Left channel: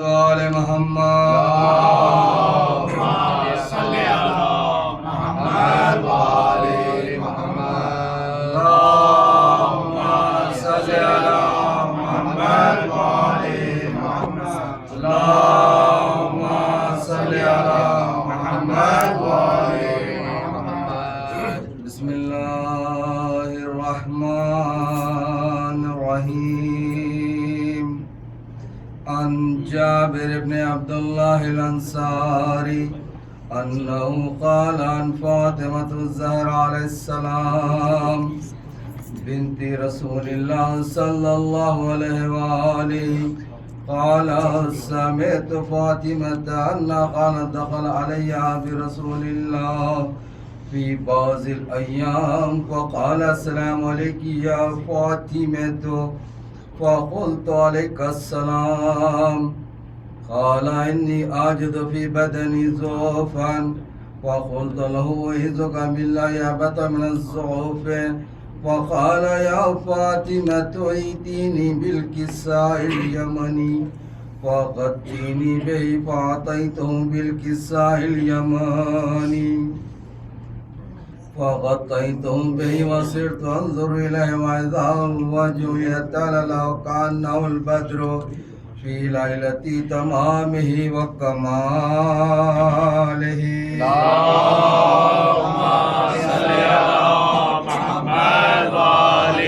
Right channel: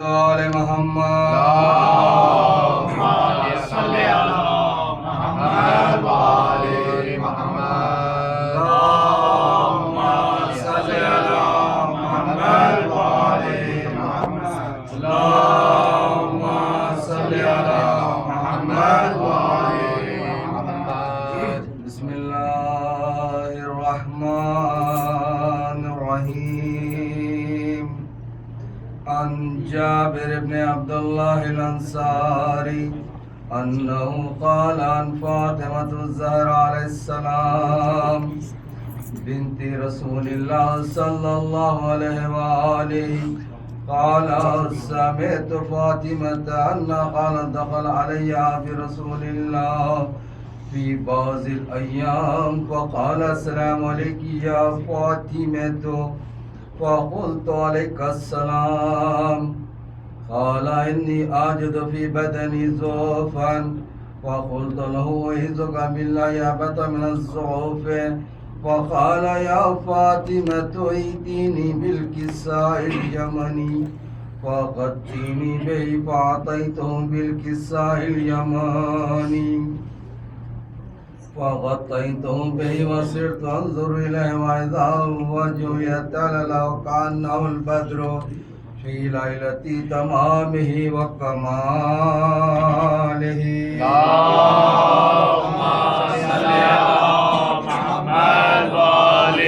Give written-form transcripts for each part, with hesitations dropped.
آل محمد اللهم صل على محمد وآل محمد اللهم صل على محمد وآل محمد اللهم صل على محمد وآل محمد بسم الله الرحمن الرحيم. عن جابر بن عبد الله الأنصاري أنه قال عن فاطمة الزهراء عليه السلام بنت رسول الله صلى الله عليه وآله قال سمعت فاطمة أن قالت دخل علي برسول الله في بعض الأيام فقال السلام عليك يا فاطمة فقلت عليك السلام. قال إني أجد في بدني ضعفا فقلت له أعوذ بالله أبت من الضعف. فقال يا فاطمة ائتيني بالكساء اليمني فغطيني به فأعطيته بالكساء اليماني فغطيته به وصرت أنظر إليه وإذا الوجه يتلألأ كأنه البدر في ليلة تمامه وكماله. اللهم صل على محمد وآل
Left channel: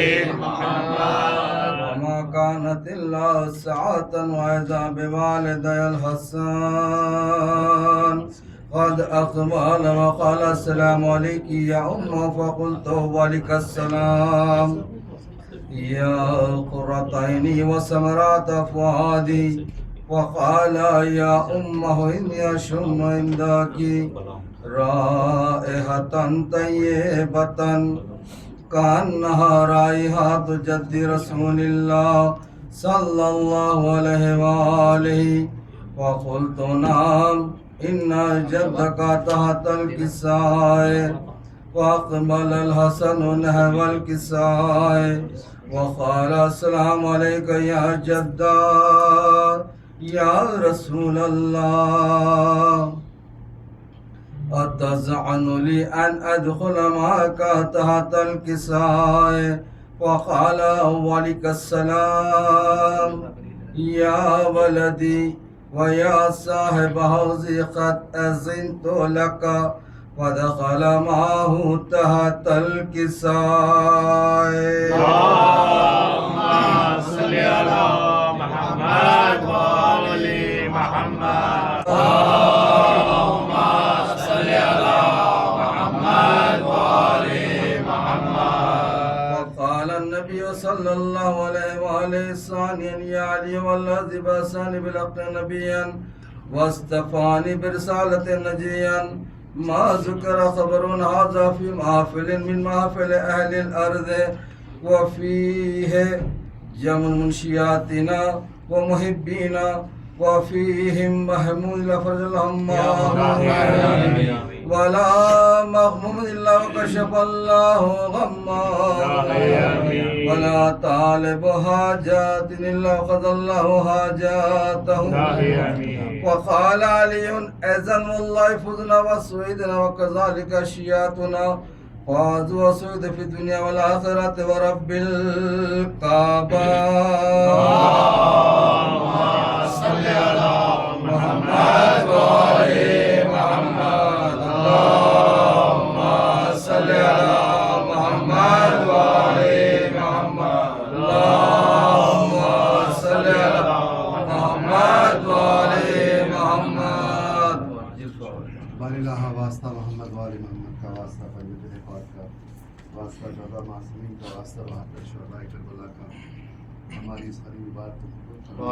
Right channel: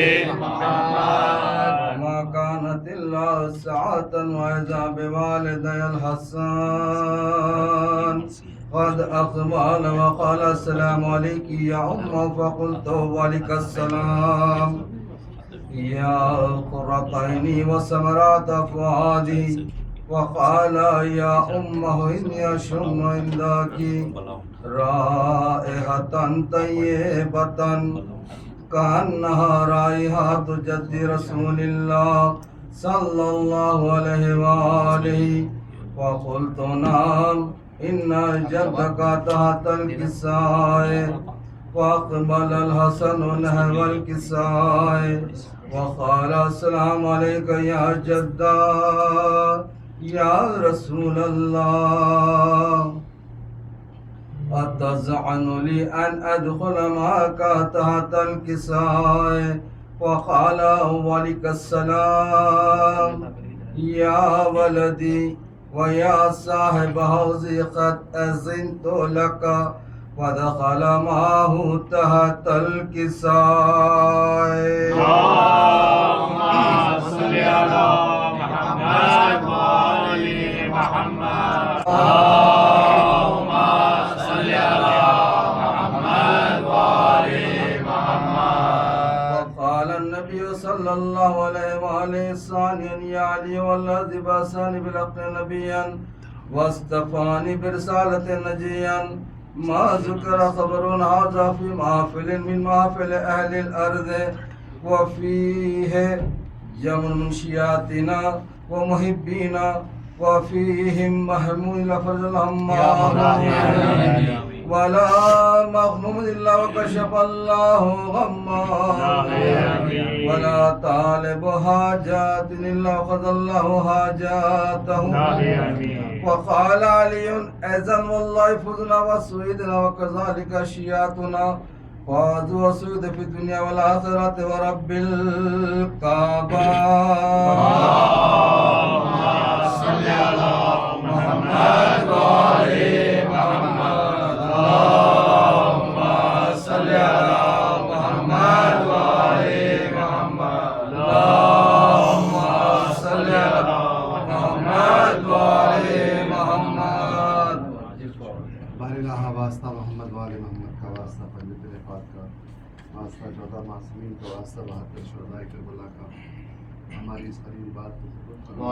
محمد وما كانت إلا ساعة وإذا بوالدي الحسن قد أقبل وقال السلام عليك يا فقلت وعليك السلام يا قرة عيني وثمرات فؤادي. وقال يا إني أشم عندك رائحة طيبة كأنها رائحة جد رسول الله صلى الله عليه وآله. فقلت نعم إن جدك تحت الكساء. وأقبل الحسن نحو الكساء وقال السلام عليك يا جدا يا رسول الله أتزعن لي أن أدخل معك تحت الكساء. وقال وعليك السلام يا ولدي ويا صاحب حوزي قد أذنت لك. ودخل معه تحت الكساء. اللهم صل على محمد وآل محمد اللهم صل على محمد وآل محمد. وقال النبي صلى الله عليه وآله ثانيا يا علي والذي بعثني بالحق نبيا واصطفاني برسالة نجيا ما ذكر خبر هذا في محفل من محافل أهل الأرض وفيه جمع منشياتنا ومحبينا وفيهم محمود لفرج الهمام ولا مغموم إلا وكشف الله غما ولا طالب حاجات إلا وقضى الله حاجاته. وقال علي أذن والله فزنا وسويدنا وكذلك شياتنا فاز وسود في الدنيا والآخرة ورب الكعبة. اللهم صل على محمد وآل محمد اللهم صل على محمد وآل محمد اللهم صل على محمد وآل محمد. بارالہ واسطہ محمد وآل محمد کا واسطہ فجر رفات کا واسطہ 14 معصومین کا واسطہ 72 شہدائے کربلا کا ہماری اس قریب بات کو قبول فرما.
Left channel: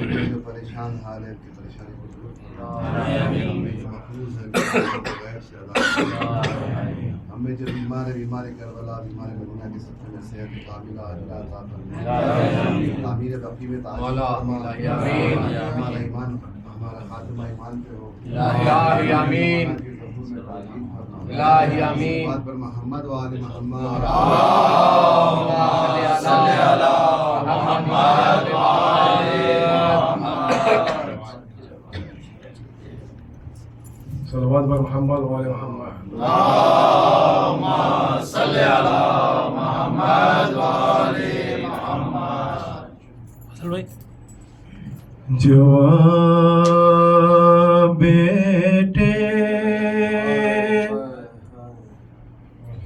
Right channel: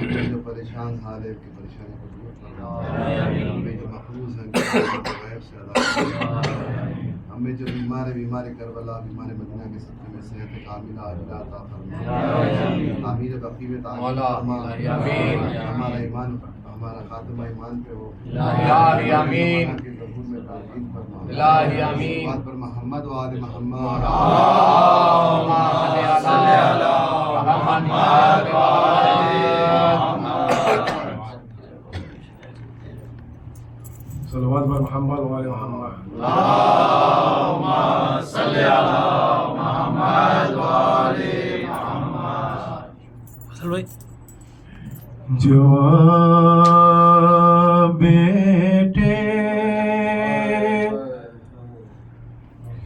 ہمیں جو پریشان حال ہے ان کی پریشانی کو دور فرما. ہمیں جو محفوظ ہیں غیر سے عذاب فرما. ہمیں جو بیمار ہے بیمار کربلا بیمار مدینہ کے صدقے میں صحت کاملہ عاجلہ عطا فرما. تعمیر بقی میں تعمیر فرما. ہمارا ایمان ہمارا خاتمہ ایمان پہ ہو. الہی آمین. کی ظہور میں تعلیم فرما. الہی آمین. بات پر محمد و آل محمد. اللهم صل على محمد وآل محمد صلوات بر محمد و آل محمد. اللهم صل على محمد وآل محمد. جواب بیٹے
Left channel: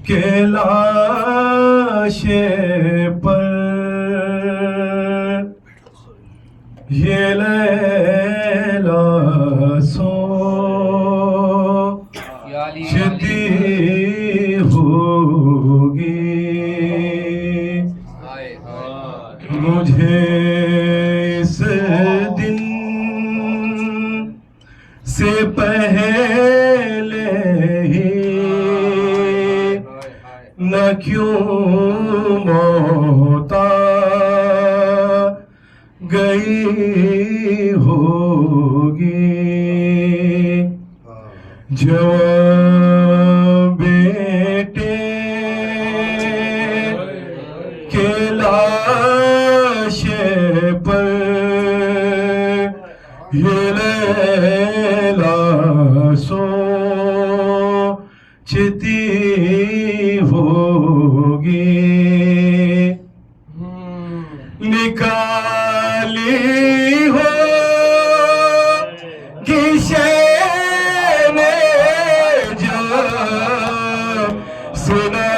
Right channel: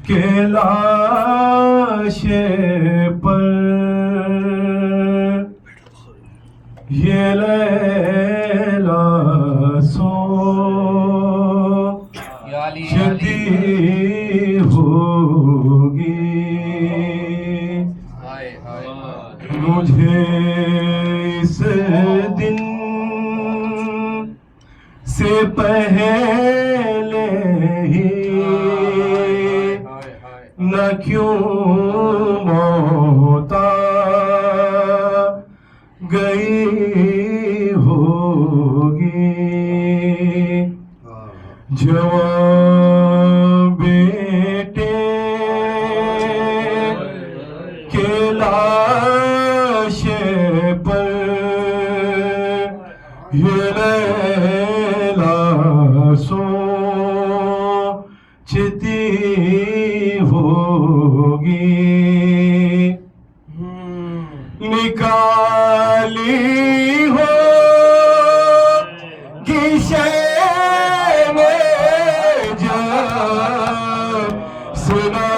کے لاشے پر یہ لیلا سوچتی ہوگی مجھے اس دن سے پہلے ہی نہ کیوں موت گئی ہوگی. جوان بیٹے کے لاشے پر یہ لیلا سوچتی ہوگی. نکالی ہو گشین جب سنا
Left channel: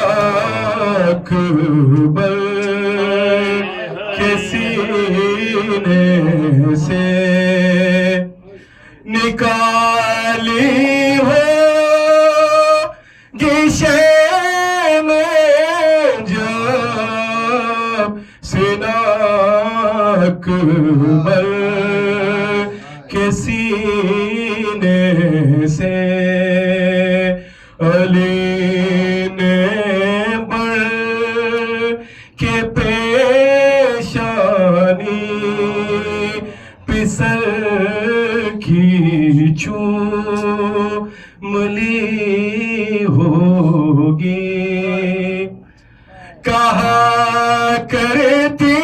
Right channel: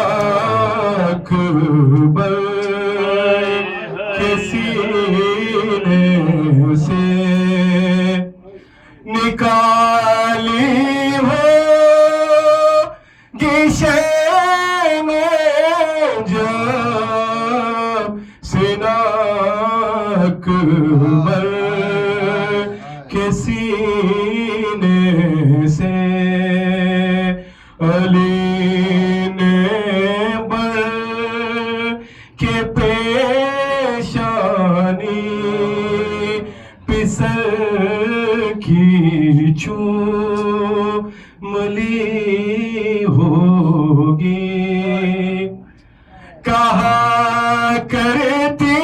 اکبر کے سینے سے نکالی ہو گشین جب سنا اکبر کے سینے سے علی نے بڑھ کے پیشانی پسر کی چوم لی ہوگی. کہا کرتی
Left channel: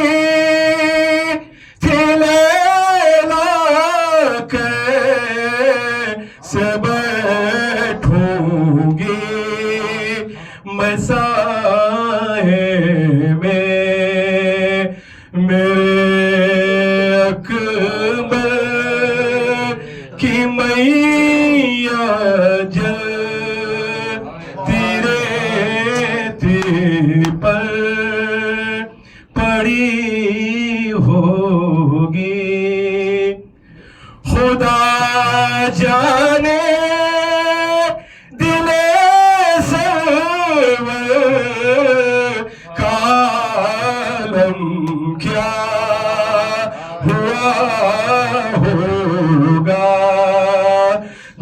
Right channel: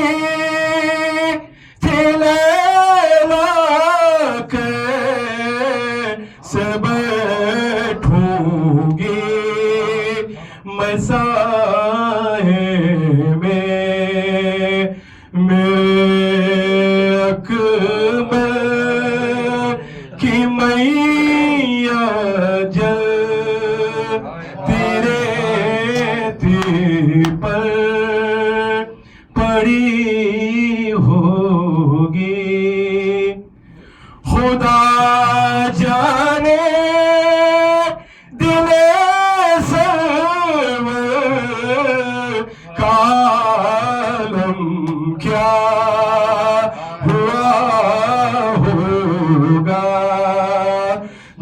تھی لیلا کیسے بیٹھوں گی میں سائے میں میرے اکبر کی میاں جلتی ریتی پر پڑی ہوگی. خدا جانے دل سرور کا عالم کیا ہوا ہوگا.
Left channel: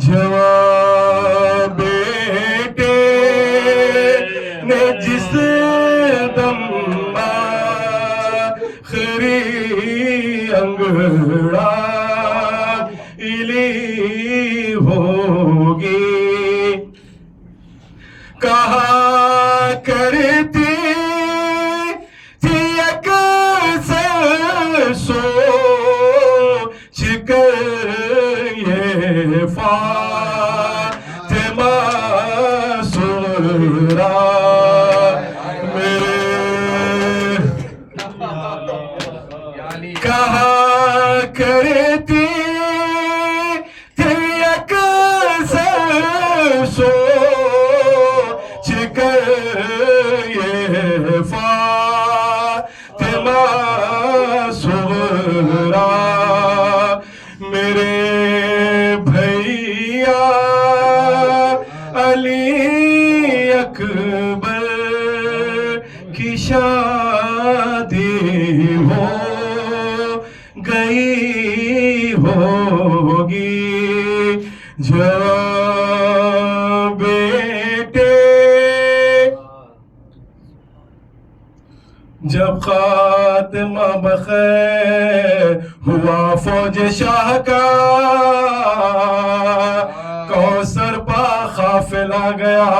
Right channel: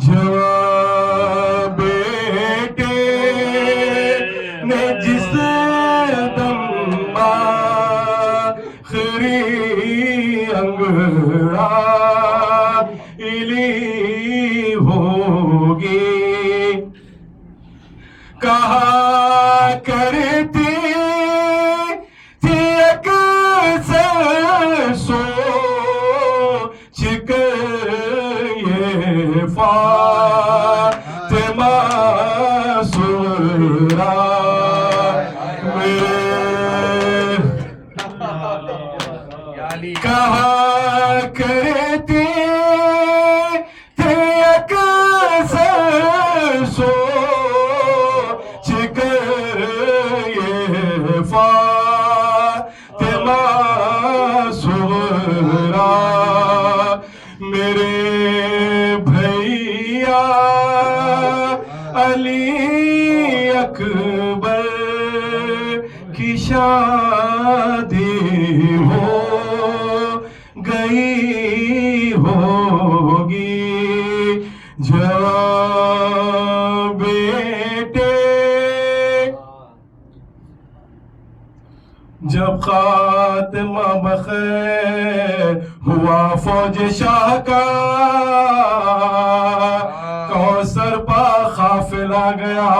جوان بیٹے نے جس دم آخری انگڑائی ہوگی. کہا کرتی تھی اکثر سوچ کر یہ فاطمہ سغرا کہا کرتی تھی اکثر سوچ کر یہ فاطمہ سغرا میرے بھیا علی اکبر کی شادی ہو گئی ہوگی. جوان بیٹے جب خاتمہ بخیر ہوا فوج شاہ کا کوثر پا قافلہ گیا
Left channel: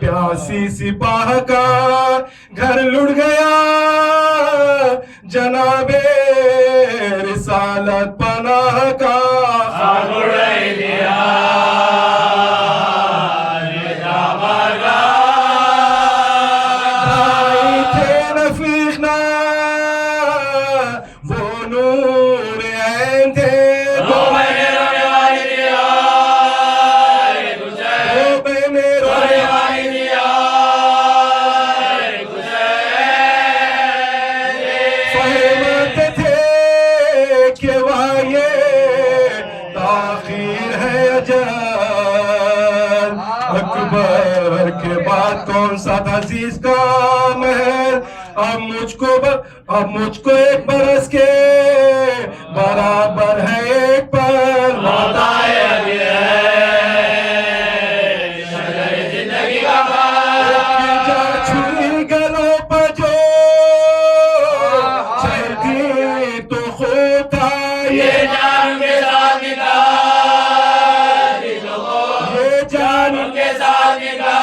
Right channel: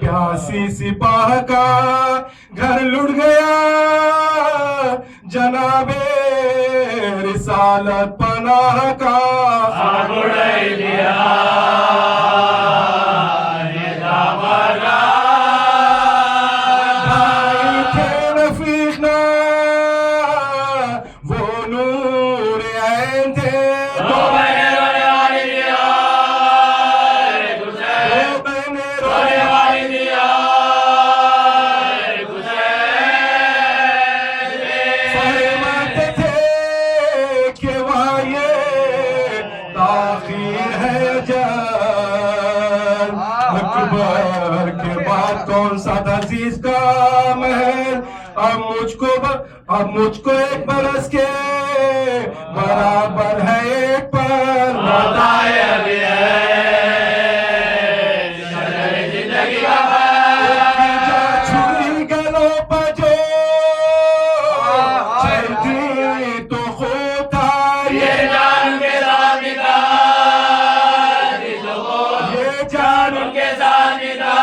پیاسی سپاہ کا گھر لٹ گیا جناب رسالت رسالت پناہ کا اڑائی دیا یہ جامگا بھائی تھے رفیق نا وہ نور عین تھے دو بہنیں رونے والی دیا دو بہنیں رونے والی دیا فہمتے تھے کہ وہاں تاخیر ہے اجل اکبر کے بعد کون سا عزیز کا محل اب مجھ کو ایک برس کے برابر ہے ایک پر بتائے ابھی شجر زندگی کا جا چھری گلوں پر جو چلتی تو خود تھا یہ جان کے ساتھ نکال یہ جان ان کے ساتھ نکال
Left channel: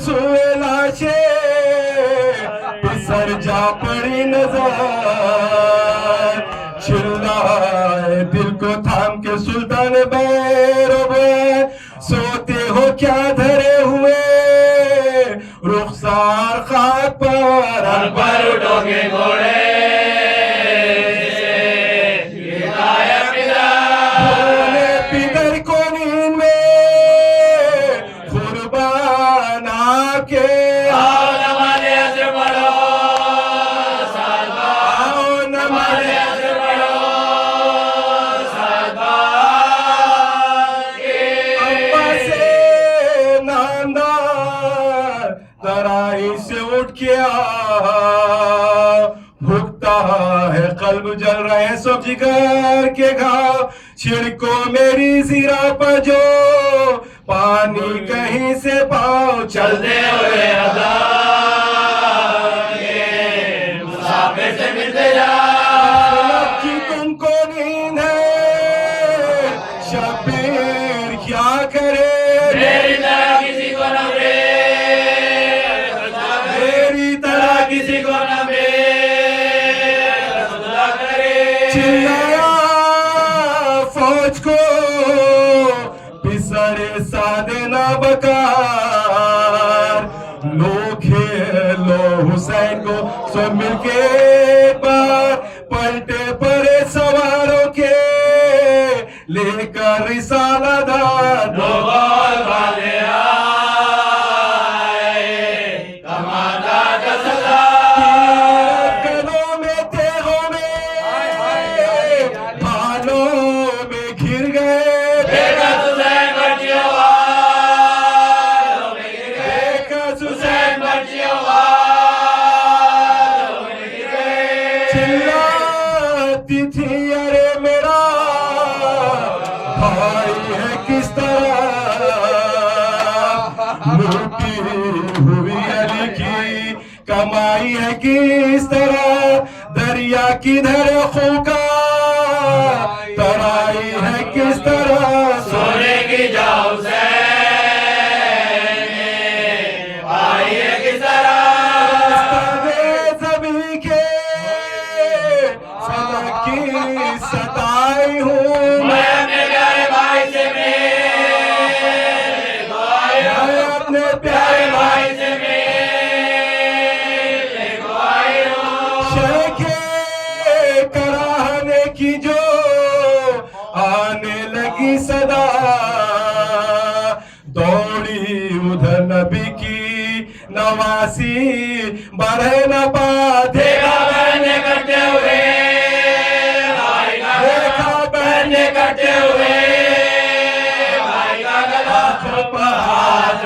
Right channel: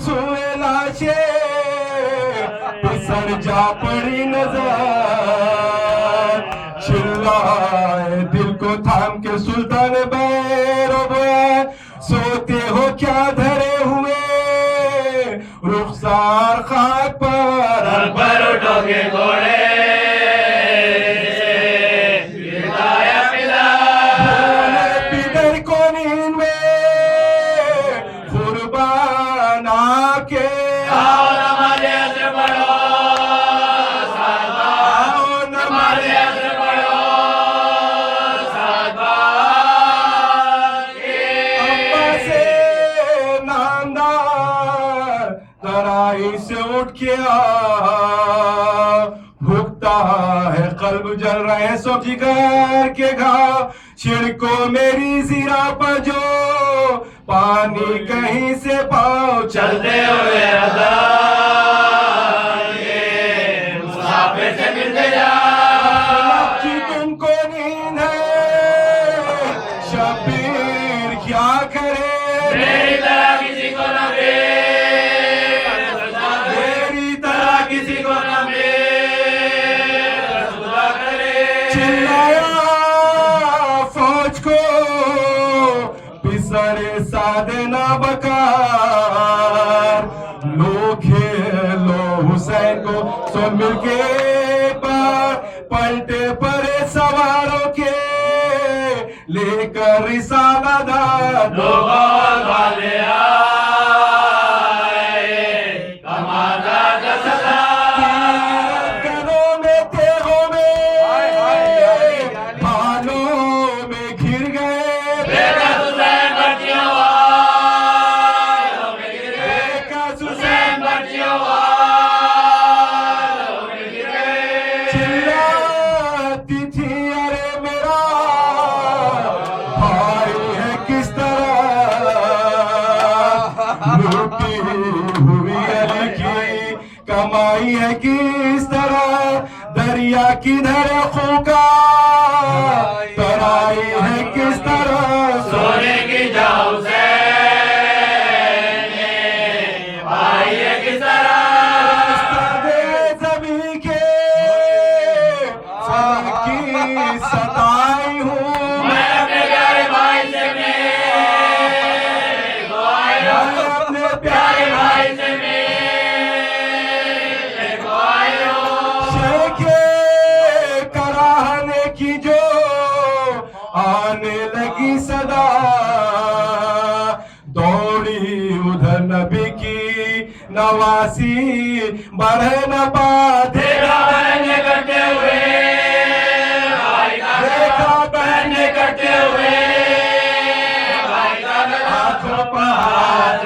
سوئے لاشیں پسر جا پڑی نظر چلائے دل کو تھام کے سلطان بیرو بوئے سوتے ہو کیا دھرے ہوئے رخسار خاک پر پر اٹھو گے گھوڑے پدر کو نیند میں قربان آ کے آؤ نماز عصر پڑھو آؤ نماز عصر پڑھو ابا سے ناندار ترائی سے اٹھ کے بھگتا ہے قلب جل رہے ہیں سب جگر کے گھاؤ چھڑکو میری زیرہ پر جو پانی کہیں سے پاؤ چلتے ہوئے ادا مسافر سے ملتے جا کی تم کو نیند ہے شبیر کیا کرے میری طرح کسی کو نہ میری طرح کسی کو نہ چلایا فوج کو پسڑے سادے نہ بکار لو کھیلو حسین کو سب مل کے پر پلٹے پرے سواروں کے لے کر رسالہ دار لوگوں والے آئے کماندار کا سردار گلوں میں تیغوں میں بھالوں میں گھر گئے دیکھا حسین بچیوں دیکھا حسین بچیوں چلاتی تھی ارے میرا بھائی ہے کس طرح لوٹی ہوئی علی کی کمائی ہے کس طرح دریا کدھر خوکا ترائی ہے کس طرح سونے کی جاؤ سے بھائی ہے کس طرح زمین کے فلک کی ستائی ہوں میں اپنے پیارے بھائی سے میں اپنے پیارے بھائی سے گواہی ہوں شیخ کراہنے کی جو آنے لگی صدا دوڑی ادھر نبی کی نواسی بڑھے نہ پا دیکھا بہنے کرتے ہوئے دیکھا بہنے کرتے ہوئے بھائی کا گلا آنکھوں پر ہاتھ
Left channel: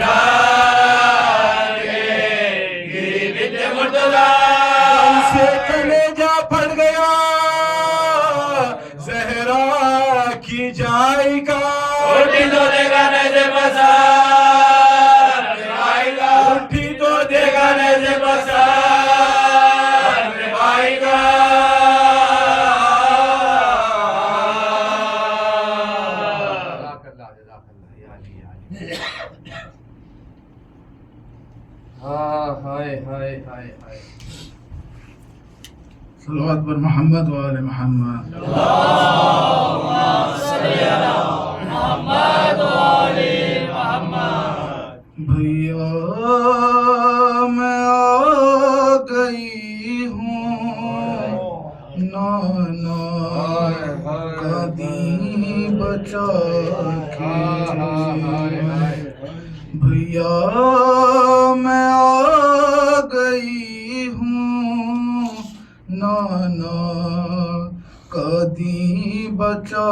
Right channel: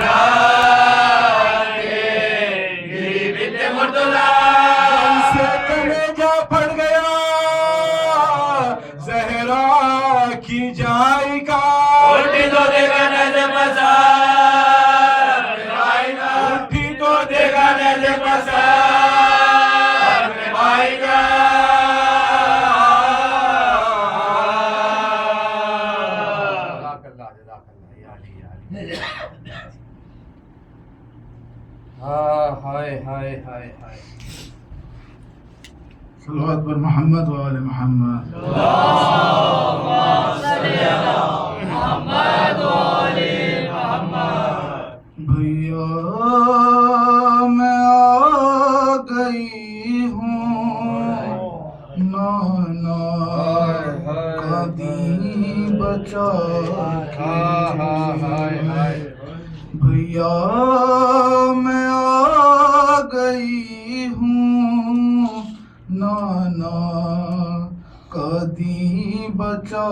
گری بنت مرتضیٰ سے کلیجہ پھٹ گیا زہرا کی جائی کا اٹھی تو دیکھا نیزے پسا بھائی کا اٹھی تو دیکھا نیزے پسا بھائی کا ہائے ہائے صلوات پر محمد و آل محمد. بھیا میں آ گئی ہوں نانا کا دین بچا کے. بھیا میں آ گئی ہوں نانا کا دین بچا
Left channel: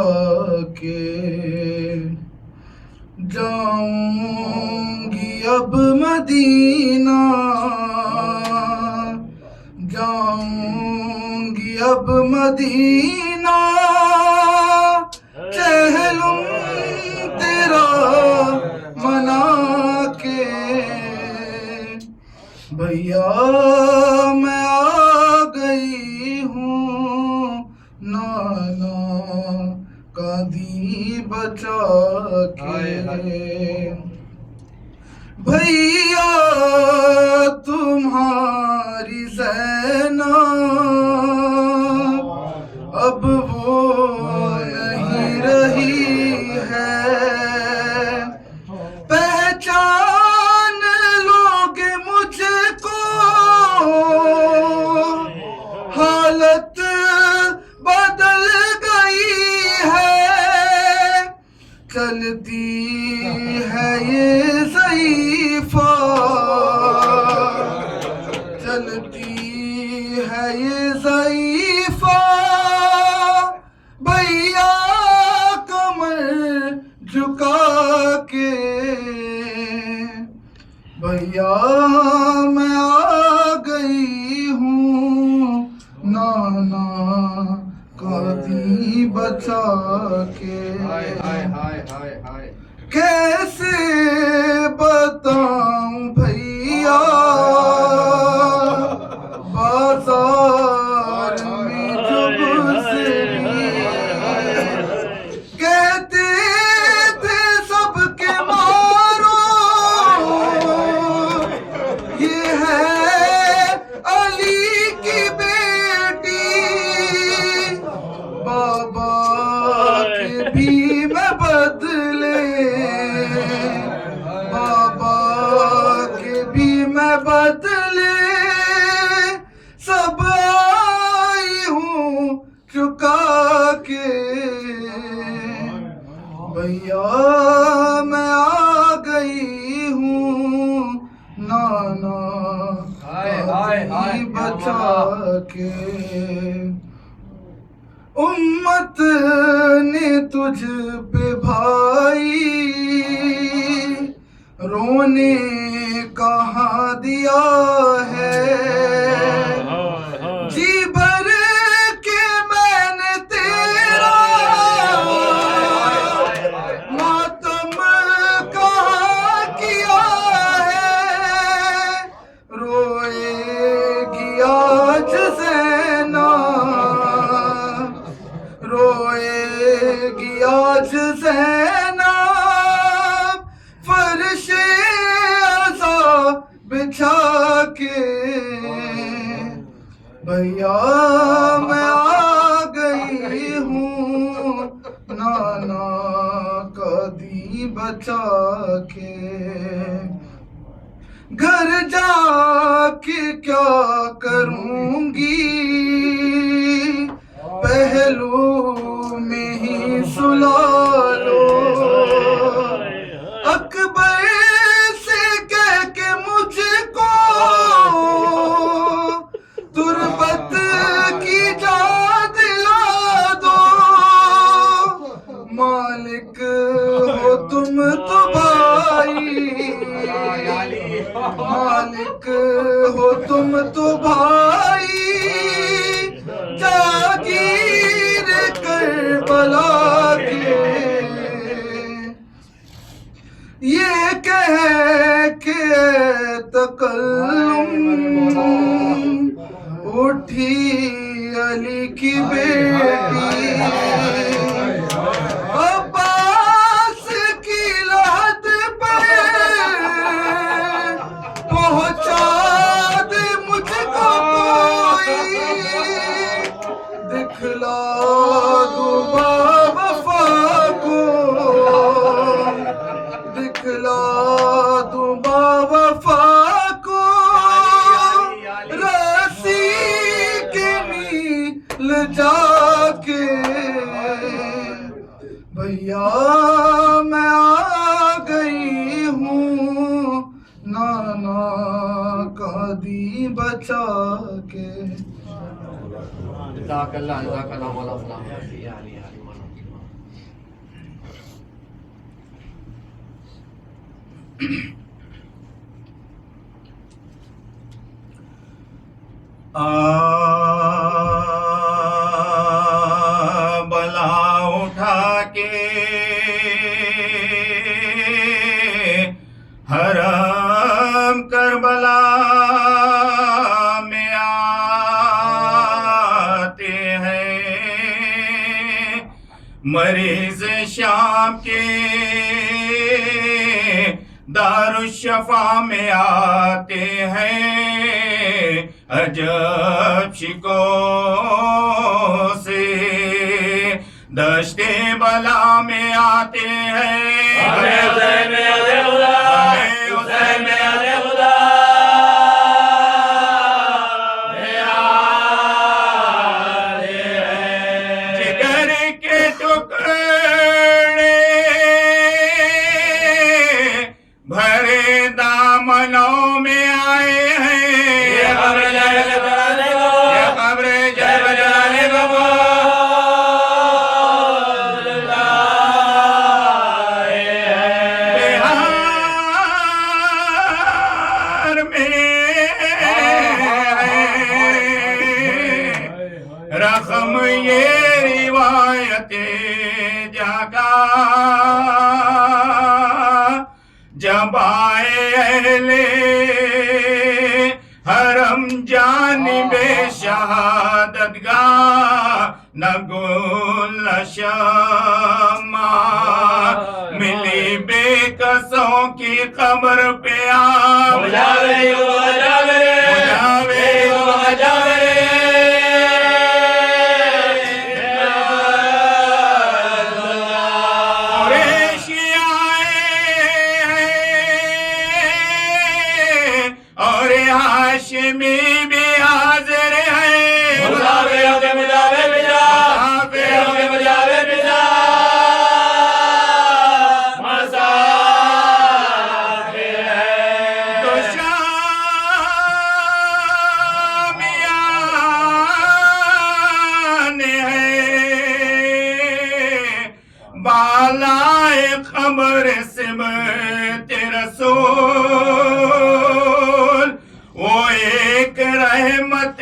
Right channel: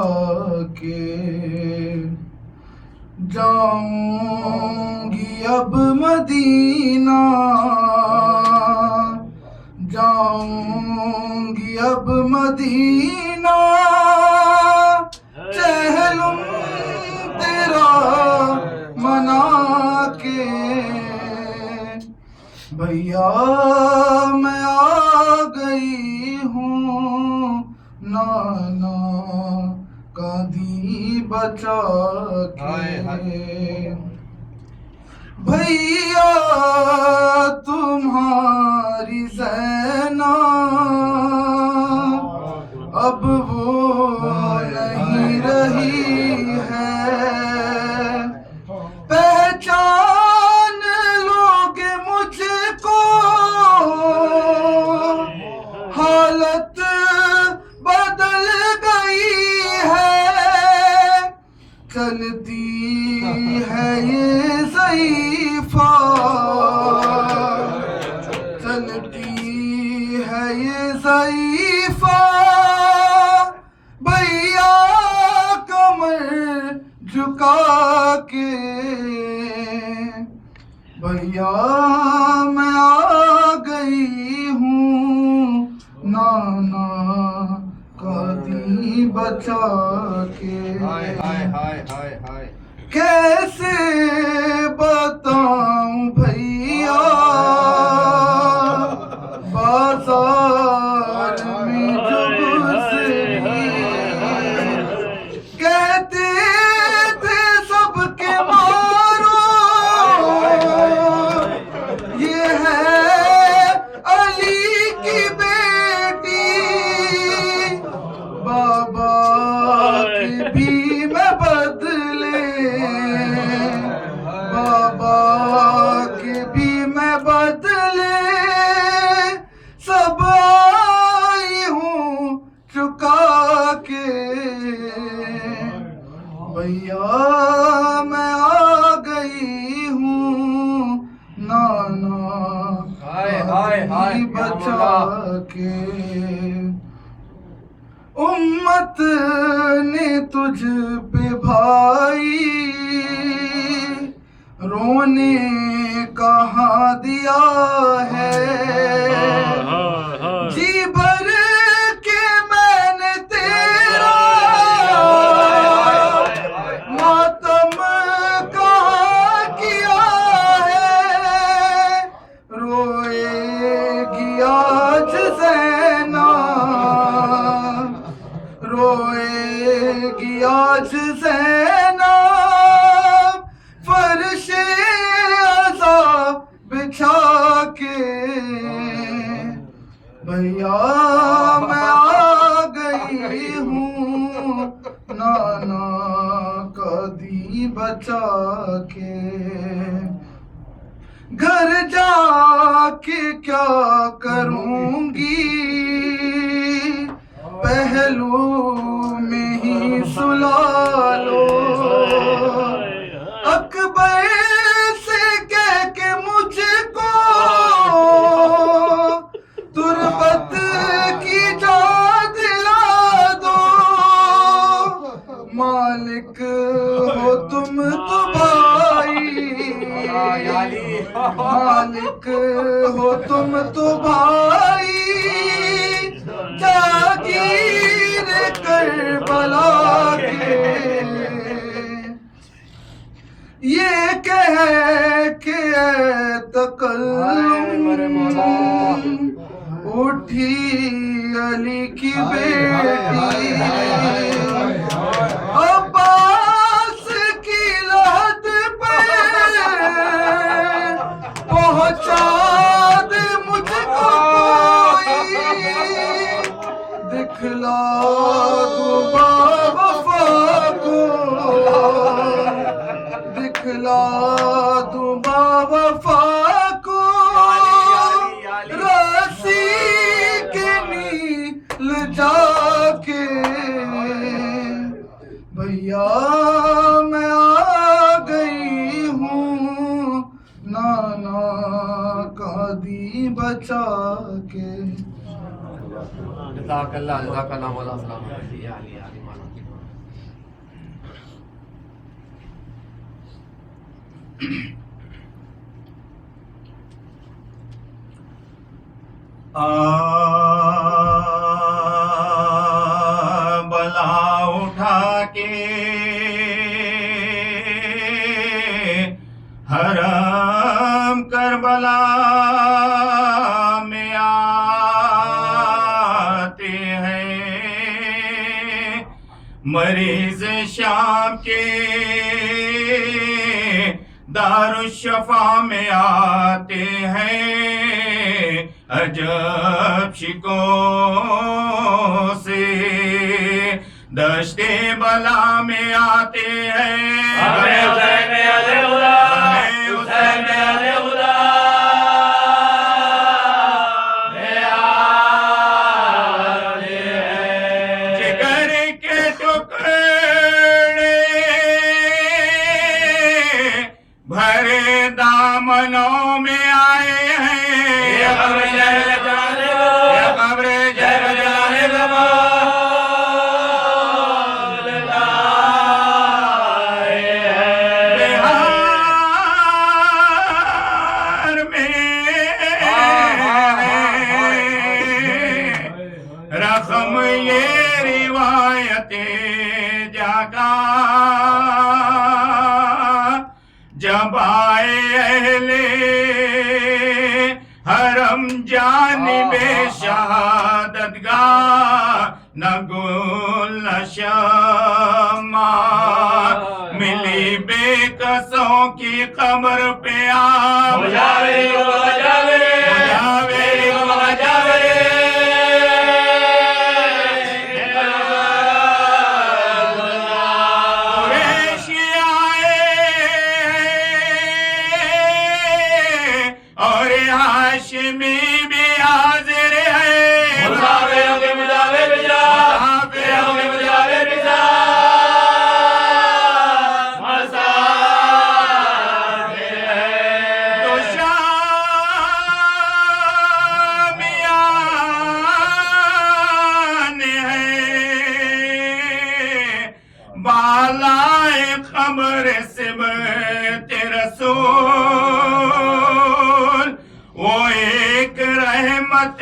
کے. جاؤں گی اب مدینہ، جاؤں گی اب مدینہ، چہلم تیرا منا کے. بھیا میں آ گئی ہوں نانا کا دین بچا کے. بھیا تمہاری زینب اب وہ نہیں رہی ہے، پہچان لوگے مجھ کو، حالت بدل گئی ہے. چلتی ہے یہ ضعیفہ، چلتی ہے یہ ضعیفہ، بھیا کمر جھکا کے. بھیا میں آ گئی ہوں نانا کا دین بچا کے. کیسے بتاؤں بھیا بازار میں جو گزری، کہتے تھے سب کے مارو یہ ہے علی کی بیٹی. بابا کے بھی میں بدلے، بابا کے بھی میں بدلے، سب آئی ہوں چکا کے. بھیا میں آ گئی ہوں نانا دین بچا کے. امت نے تجھ پہ بھائی رونے کہاں دیا ہے. جی بھر کے میں نے تیرا ماتم کہاں کیا ہے. روئے گی آج زینب، روئے گی آج زینب، فرش عزا بچھا کے. بھیا میں آ گئی ہوں نانا کا دین بچا کے. گھر جا کے کیا کروں گی، پہلو میں ہی سلا لو. اکبر سے کہہ کے مجھ کو تربت کی جا دلا دو. مالک ہو تم تو بھائی، مالک ہو تم تو بھائی، جاگیر کربلا کے. یہ کہہ کے تکلم اٹھی علی کی بیٹی، عباس کی لحد پہ پہنچا دے مجھ بچا کے جزاک اللہ مولانا. بلا اٹھا کے حرم کربلا میں آتے ہیں، مریض شام کے دارالشفا میں آتے ہیں، عجب شکوں سے دشت بلا میں آتے ہیں. حسین میں علی خدا، حسین میں علی خدا جگر کے ٹکڑے بھرے دامنوں میں آئے ہیں، یہ قبر جل جلانے کو، یہ قبر جل جلانے کو بہار میں رقم یہ روایت جگہ جب آئے اہل حرم جانب شہادت گاہ، نہ گل نہ شمع ملی بے کسوں کی قبر پہ آپ مجاوری کو مجاوری، مجاوری کو مجاوری قریشی آئے اور ہاشمی بھی حاضر ہے، مسافروں کے مجاور بجا، مسافروں کے مجاور بجا مسافر تو شامیان ہے بالائے قبر سمت رسول، وہ ایک رحمت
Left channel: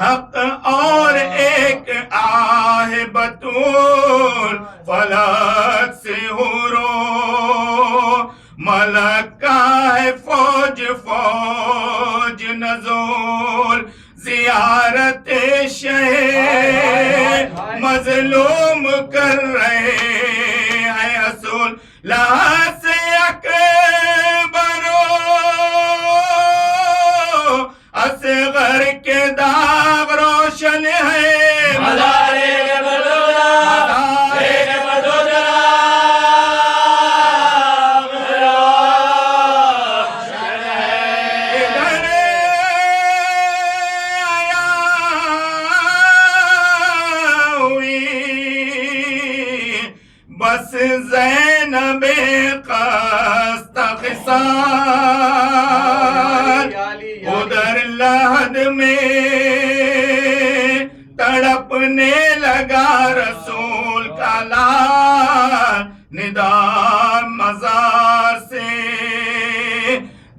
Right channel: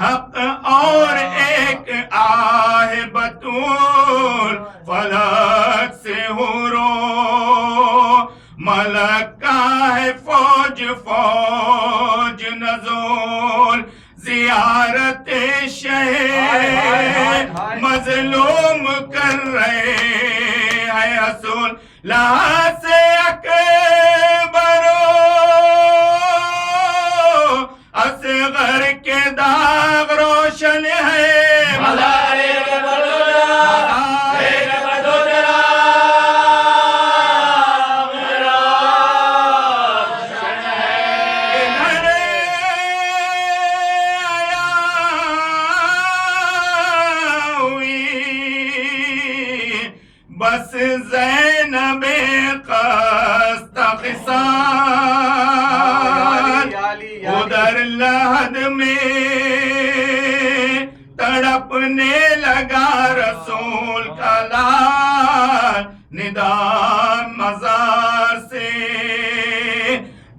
حق اور ایک آہ بطول، فلک سے حورو ملک کا ہے فوج فوج نزول، زیارت شہر مظلوم کر رہے ہیں اصول، لحاظ سے اکبرو اصغر کے داغ روشن ہے، مزارے کے بدولا، مزارے کے بدولا روشن ہے. ادھر آیا ہوئی بس زینب قصد خصال، ادھر لحد میں تڑپنے لگا رسول کا لال، ندا مزار سے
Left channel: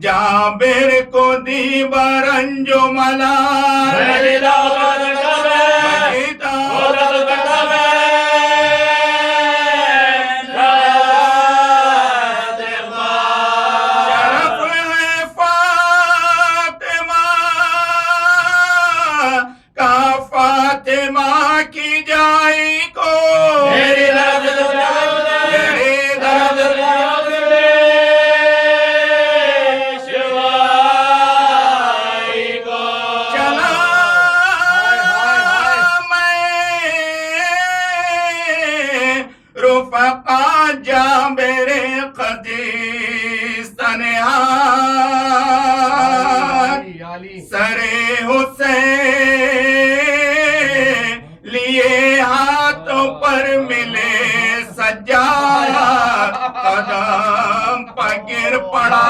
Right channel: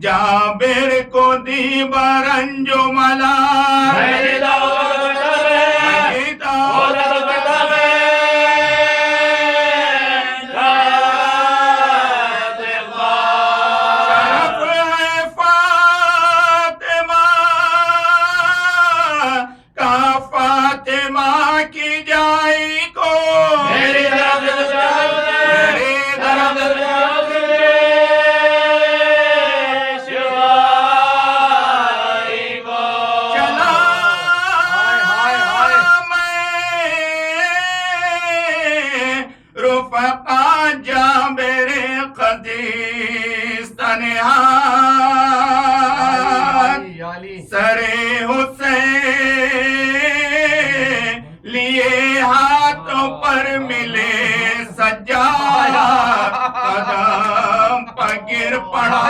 جابر کو دی برنج و ملال، مجیدہ ہوتا تکب ہے، مجیدہ ہوتا تکب ہے شرف ہے فاطمہ کا، فاطمہ کی جائی کو میری طرف سے میری طرف سے شوائی کو چلا میں رفقا جابر قدیس تنہا، سر حسین لیے ہاتھوں پر ملے سجاد، قدم پر گر پڑا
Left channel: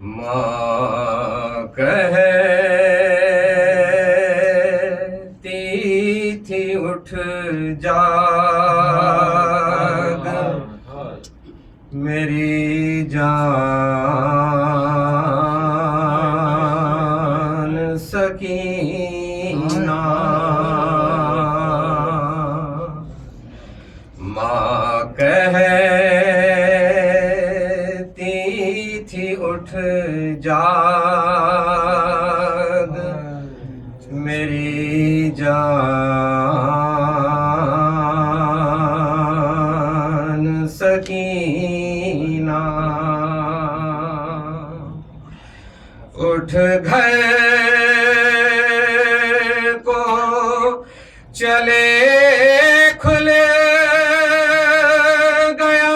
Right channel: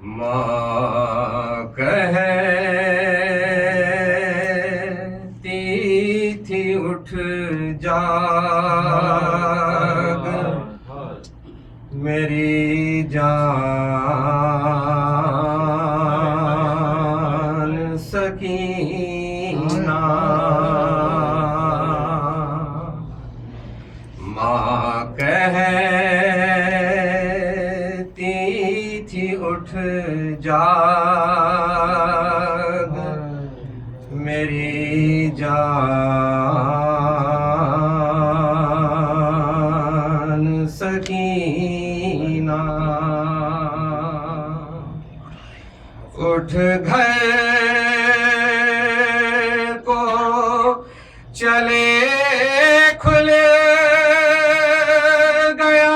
ماں کہتی تھی اٹھ جاگ میری جان سکینہ ماں کہتی تھی اٹھ جاگ میری جان سکینہ اٹھ گھر کو چلے کھلے گیا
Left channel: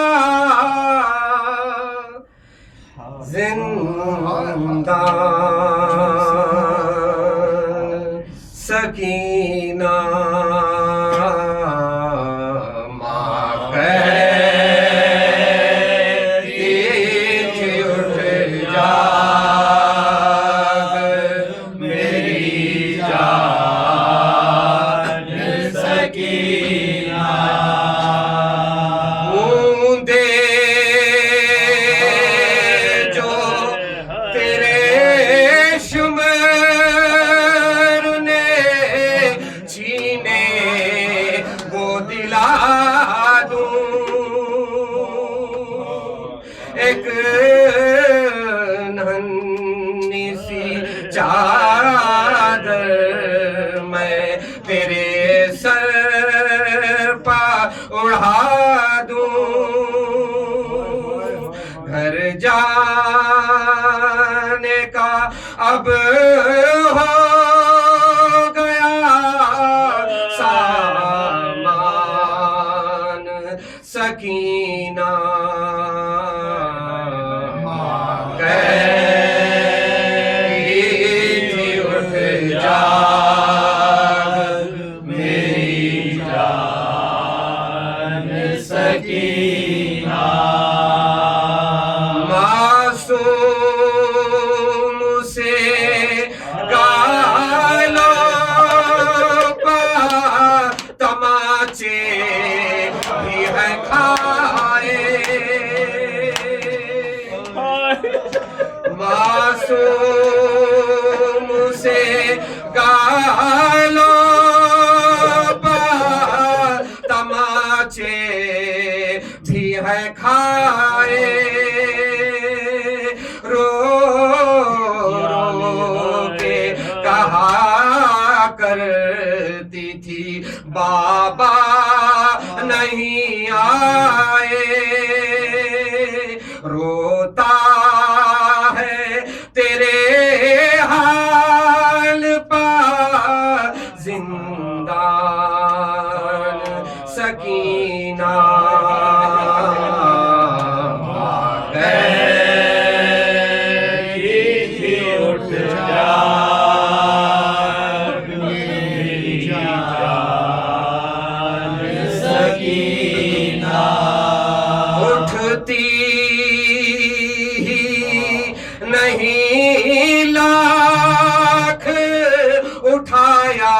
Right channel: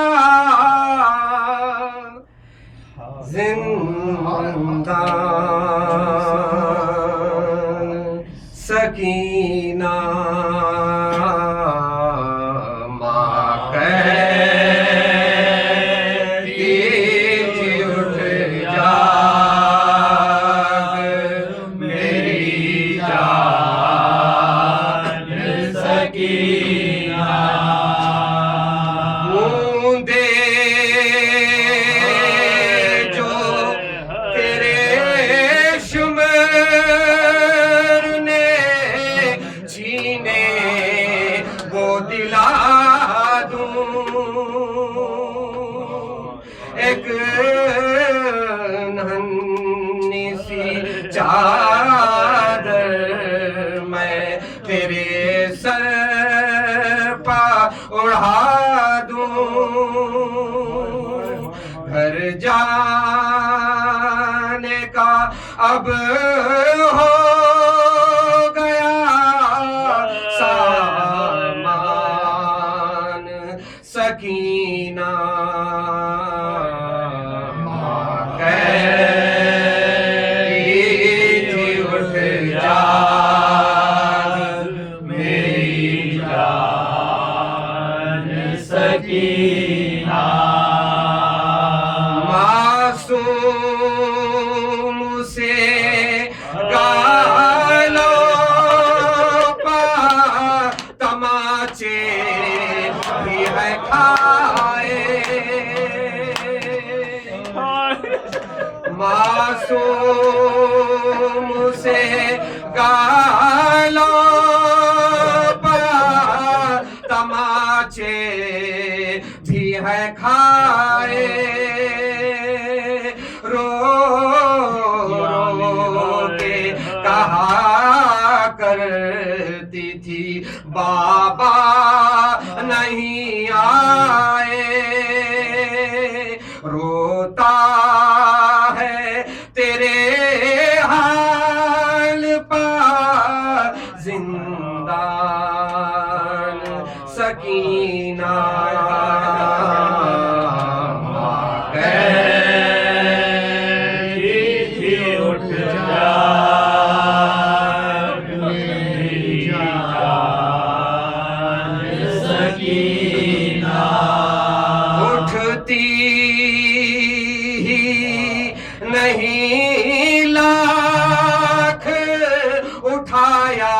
زندان سکینہ ماں کہتی تھی اٹھ جاگ میری جان سکینہ بوندے جو تیرے شمر نے چھینے وہ دلا دوں ایک ننھی سی چادر میں تیرے سر پا اڑا دوں گھر جانے کا اب ہو گیا سامان سکینہ ماں کہتی تھی اٹھ جاگ میری جان سکینہ معصوم سے گالوں پر تماچے بھی ہے کھائے معصوم سے گالوں پر تماچے بھی ہے کھائے رو رو کے کہا کرتی تھی بابا نہیں آئے روتا ہے تیرے حال پر زندان سکینہ اٹھتی ہی نہیں لاکھ اٹھایا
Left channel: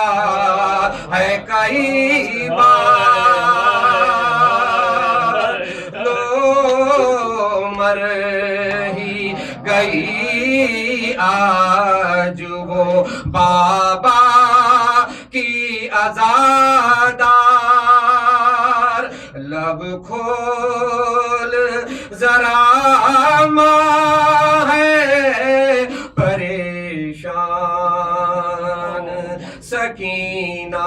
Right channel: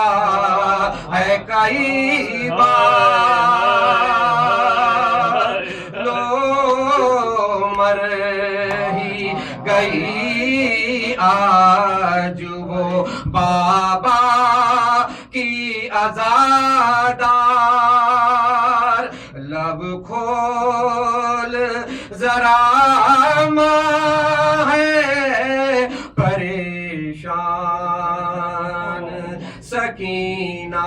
ہے کئی بار لو مر ہی گئی آج وہ بابا کی عزادار لب کھول ذرا ماں ہے پریشان سکینہ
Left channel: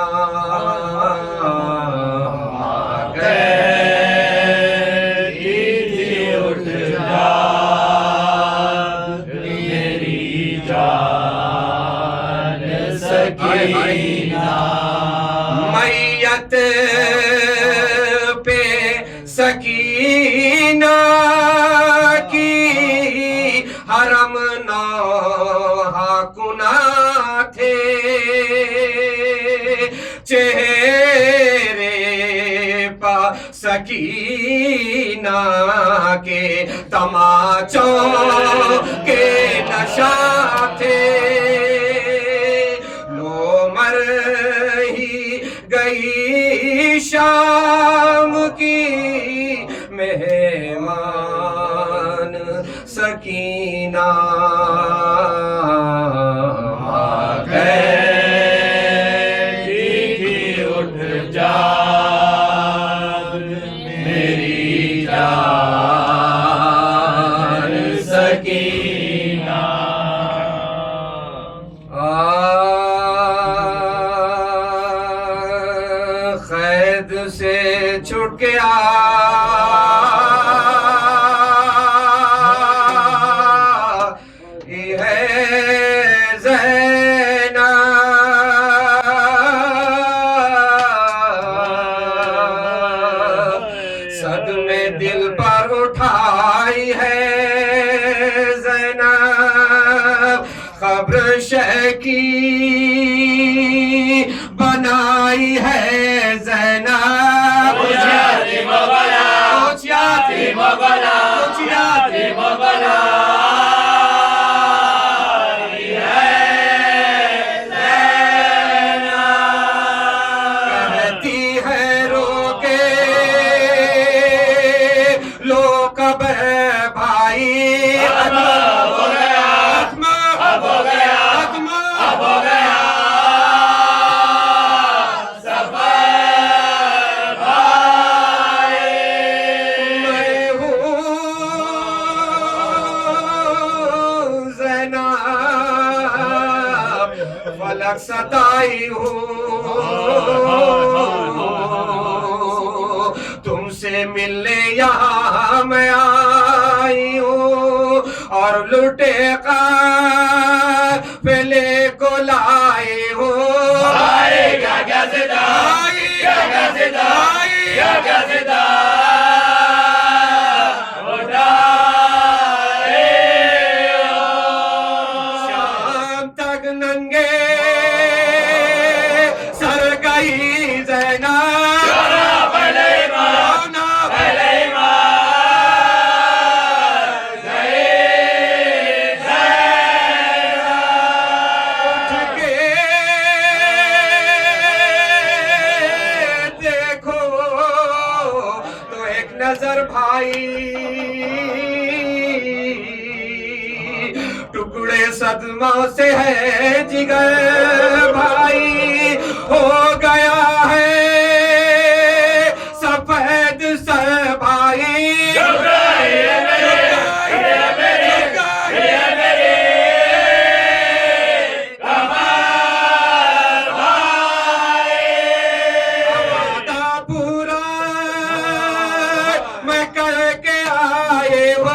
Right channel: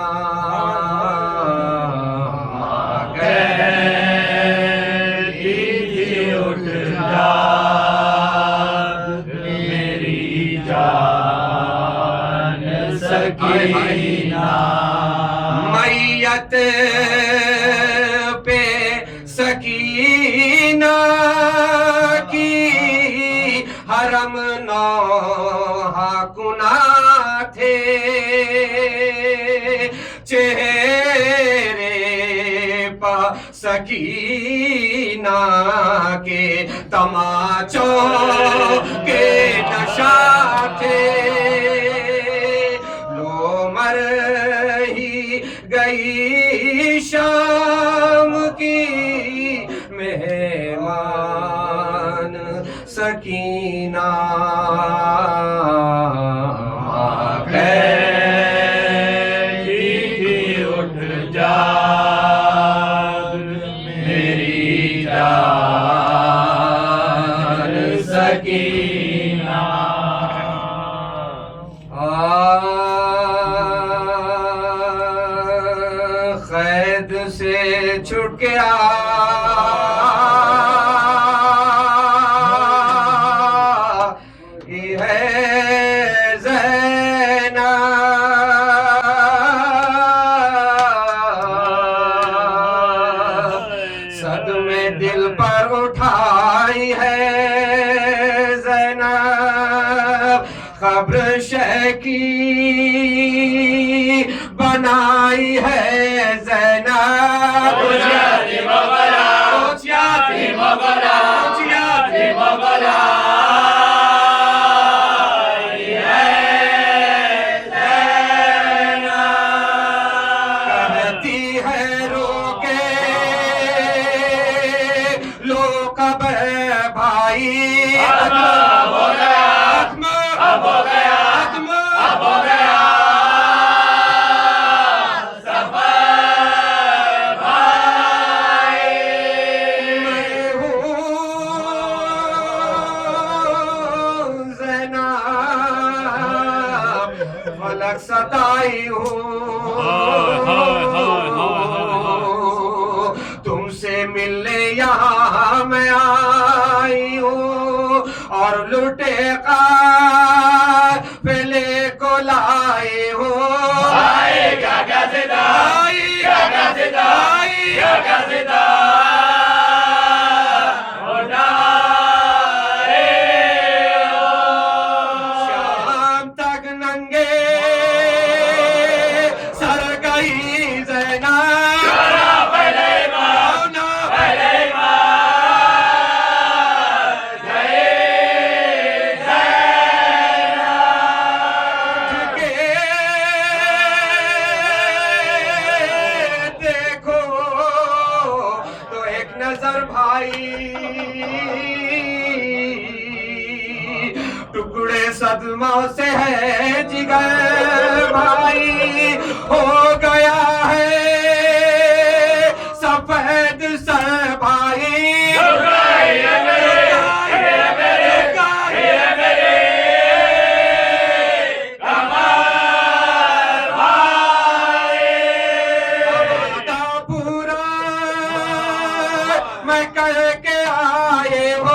ماں کہتی تھی اٹھ جاگ میری جان سکینہ میت پہ سکینہ کی حرم نوحہ کنا تھے چہرے پا سکینہ کے تماچوں کے نشہ تھے لو مر ہی گئی شام کی مہمان سکینہ اٹھ جاگ میری جان سکینہ قید سے چھٹ گیا یہ ہے صدمے دل پر اٹھائی ہے زینب قبر شہ کی بنائی ہے زینب اوچیاتی مغلا اوچیاتی مغلا اوچیاتی مغلا کہتی ہے رو کے لو کب بھائی اب ہو گیا اب ہو گیا اب ہو گیا سفر بھائی میں ہوں زینب فلک ستائی ہوں تم سے ملنے یہاں میں آئی ہوں اور لٹے قافلے کو لائے ہوں گا کیا صدا کیا کیا صدا کیا کیا صدا شام تک ننگے سر گئی زینب پہلے ماں پہلے دیکھو تو ایک نظر بھائی ٹکڑے صدموں سے ہے جگر بھائی ہو گیا ہے سفید سر بھائی پورا میں کر کے آئے ہو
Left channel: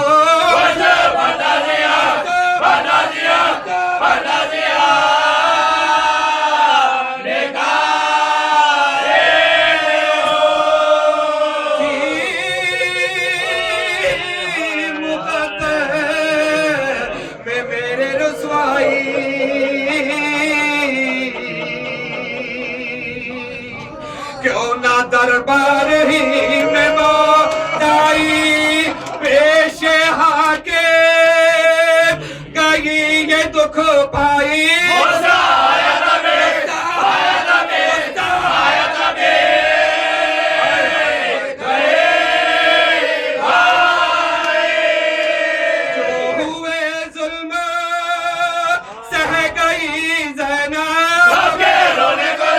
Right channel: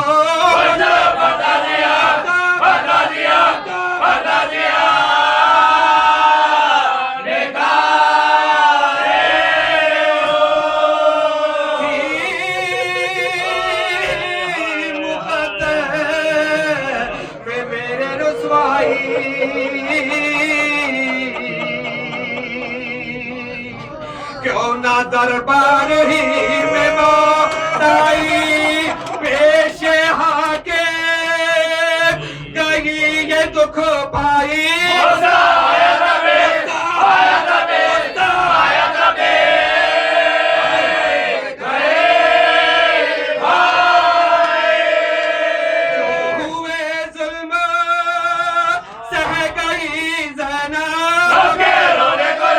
بتا دیا بتا دیا بتا دیا میں میرے رسوائی کیوں نہ دربار ہی میں موت آئی پیش ہاں کے گئی یہ دکھ پائی جو ہوئے ظلم سہ گئی زینب رونے کو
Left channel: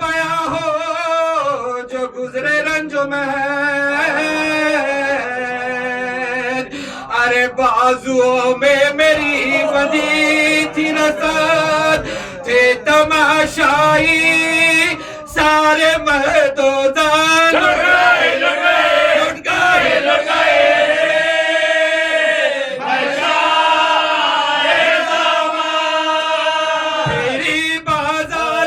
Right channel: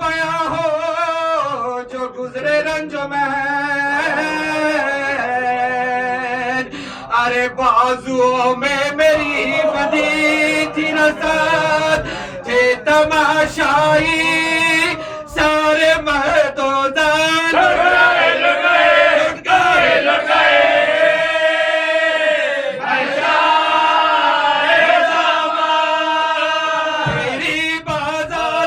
بیاں ہو جو گزرے رنجو میں ارے بازوؤں میں میری بدی تھی نسل تھے تماشائی سارے مرد و زن لٹ گئے میری بازار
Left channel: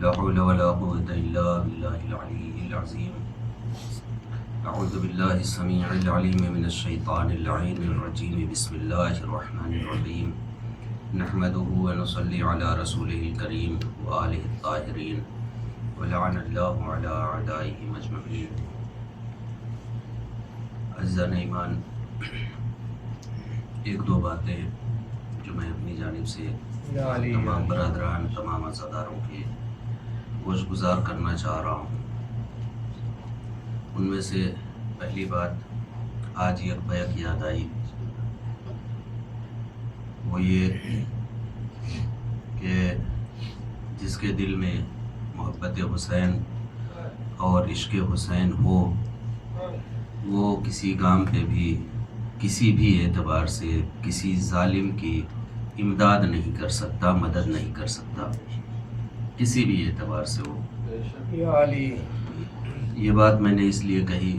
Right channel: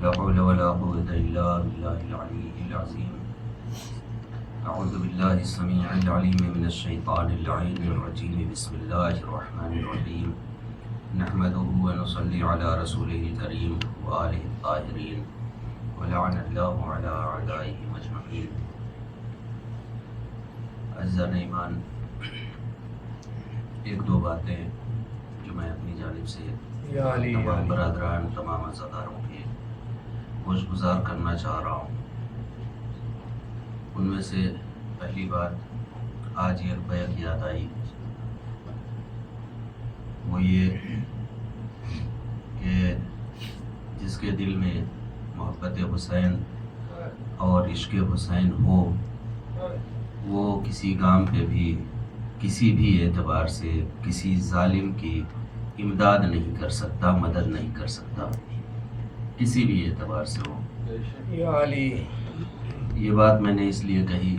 لا حول ولا قوة إلا بالله العلي العظيم أعوذ بالله السميع العليم من الشيطان اللعين الرجيم بسم الله الرحمن الرحيم نحمده ونصلي على رسوله الكريم وآله الطاهرين ولعن الله على أعدائه أجمعين عزیزان ایمان، ایک دو باتیں جو میں اپنی جانب سے تمام برادران تمام عزاداروں کے گوش گزار کرنا چاہ رہا ہوں۔ ان میں سے پہلی بات آج ایک بیعت یاد آئی، وہ یہ کہ جس کے دل میں محبت حسین اور عشق حسین ہو وہ کسی کام پہ بھی کسی بھی اعتبار سے کسی ظالم کی امداد نہیں کر سکتا، مدد نہیں کر سکتا، کسی بھی اعتبار سے ہو۔ یہ بات میں نے اس لیے کہی،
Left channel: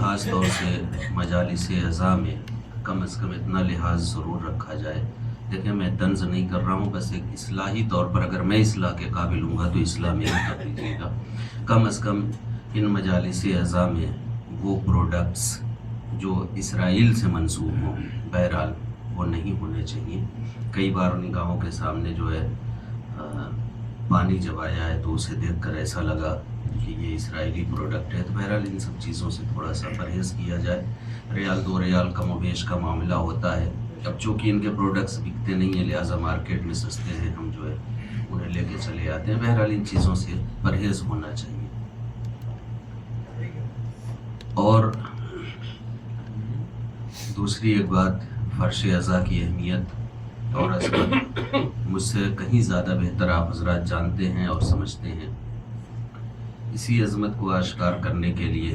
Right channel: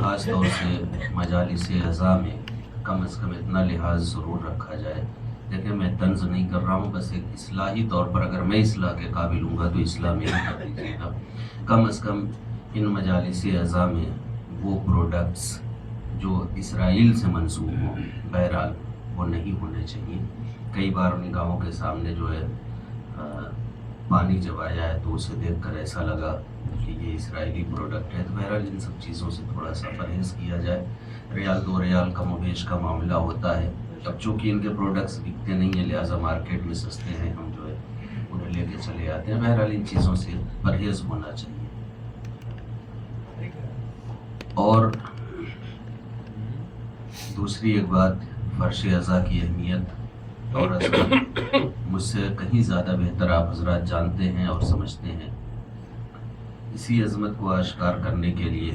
خاص طور سے مجالس عزا میں کم از کم اتنا لحاظ ضرور رکھا جائے۔ دیکھیں میں طنز نہیں کر رہا ہوں، بس ایک اصلاحی طور پر اگر میں اصلاح کے قابل ہوں گا تو اصلاح میں ہی کر دیجیے گا۔ کم از کم ان مجالس عزا میں وہ پروڈکٹس جو اسرائیل سے منسوب ہوں بہرحال وہ نہیں ہونے چاہیے۔ کئی بار ان گاؤں کے سامنے جو ہے پانی جب آیا ہے تو اسے دیکھ کر ایسا لگا کہ یہ اسرائیلی پروڈکٹ ہے، تو بہرحال ان سب چیزوں سے تھوڑا سا پرہیز کیا جائے۔ ریال 2 ریال کم و بیش کا معاملہ ہوتا ہے، اب چونکہ ان کے پروڈکٹس بکتے نہیں ہیں لہٰذا مارکیٹ میں سستے ہیں، ہم جو ہے انہیں لے کے چلے آتے ہیں۔ بہرحال ان چیزوں سے پرہیز ہونا چاہیے۔ اور دوسری ایک بات، فرش عزا کی اہمیت اور عظمت مجھ سے کہیں زیادہ بہتر آپ حضرات جانتے ہیں اور سمجھتے ہیں۔ اسی عظمت کو آشکار کرنے کے لیے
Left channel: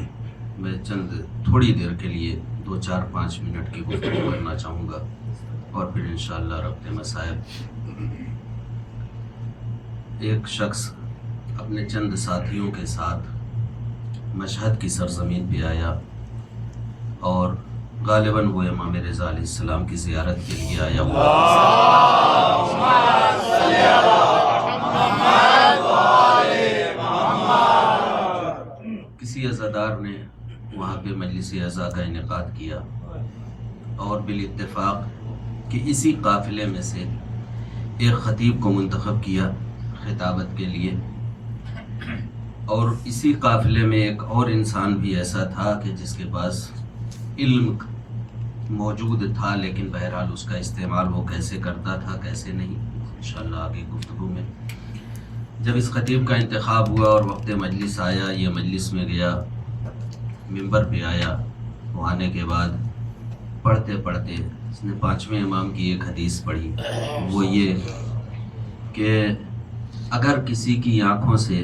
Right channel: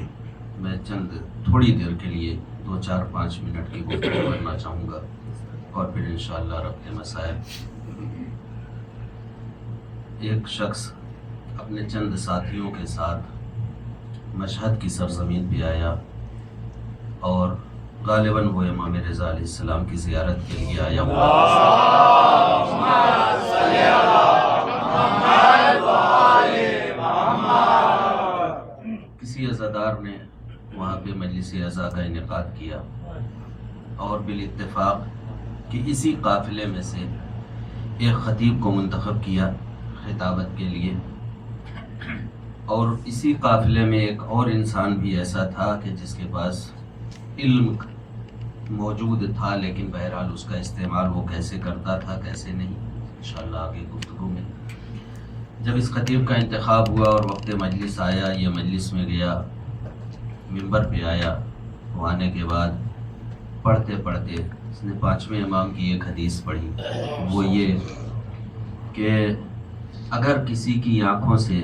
میں چند تھوڑی دیر کے لیے 2-4-5 منٹ کی گفتگو کرنا چاہوں گا اور پھر انشاءاللہ ربط مصائب۔ ایک شخص اپنے چند ساتھیوں کے ساتھ مشہد کی سرزمین پہ آیا اور غالباً وہ امام رضا علیہ السلام کی زیارت کے لیے آیا ہوا۔ کسی عزادار نے وہاں پہ مجلس عزا کا انعقاد کیا اور بالاتفاق کہ اسی قافلے میں سے ایک خطیب کو منتخب کیا خطابت کے لیے، اور اسی قافلے میں ایک اور انسان بھی ایسا تھا کہ جس کے پاس علم موجود تھا، لیکن بہرحال اس کا استعمال وہ کیسے کرتا تھا کیسے نہیں انشاءاللہ آگے گفتگو میں۔ جب اس خطیب کا انتخاب ہوا اور وقت مجلس آیا، یہ مجلس میں گیا، منبر پہ آیا، وہ آنے کے بعد پڑھتے پڑھتے اس نے 5ویں امام کی ایک حدیث پڑھی، وہ یہ کہ اگر کسی کی آنکھوں سے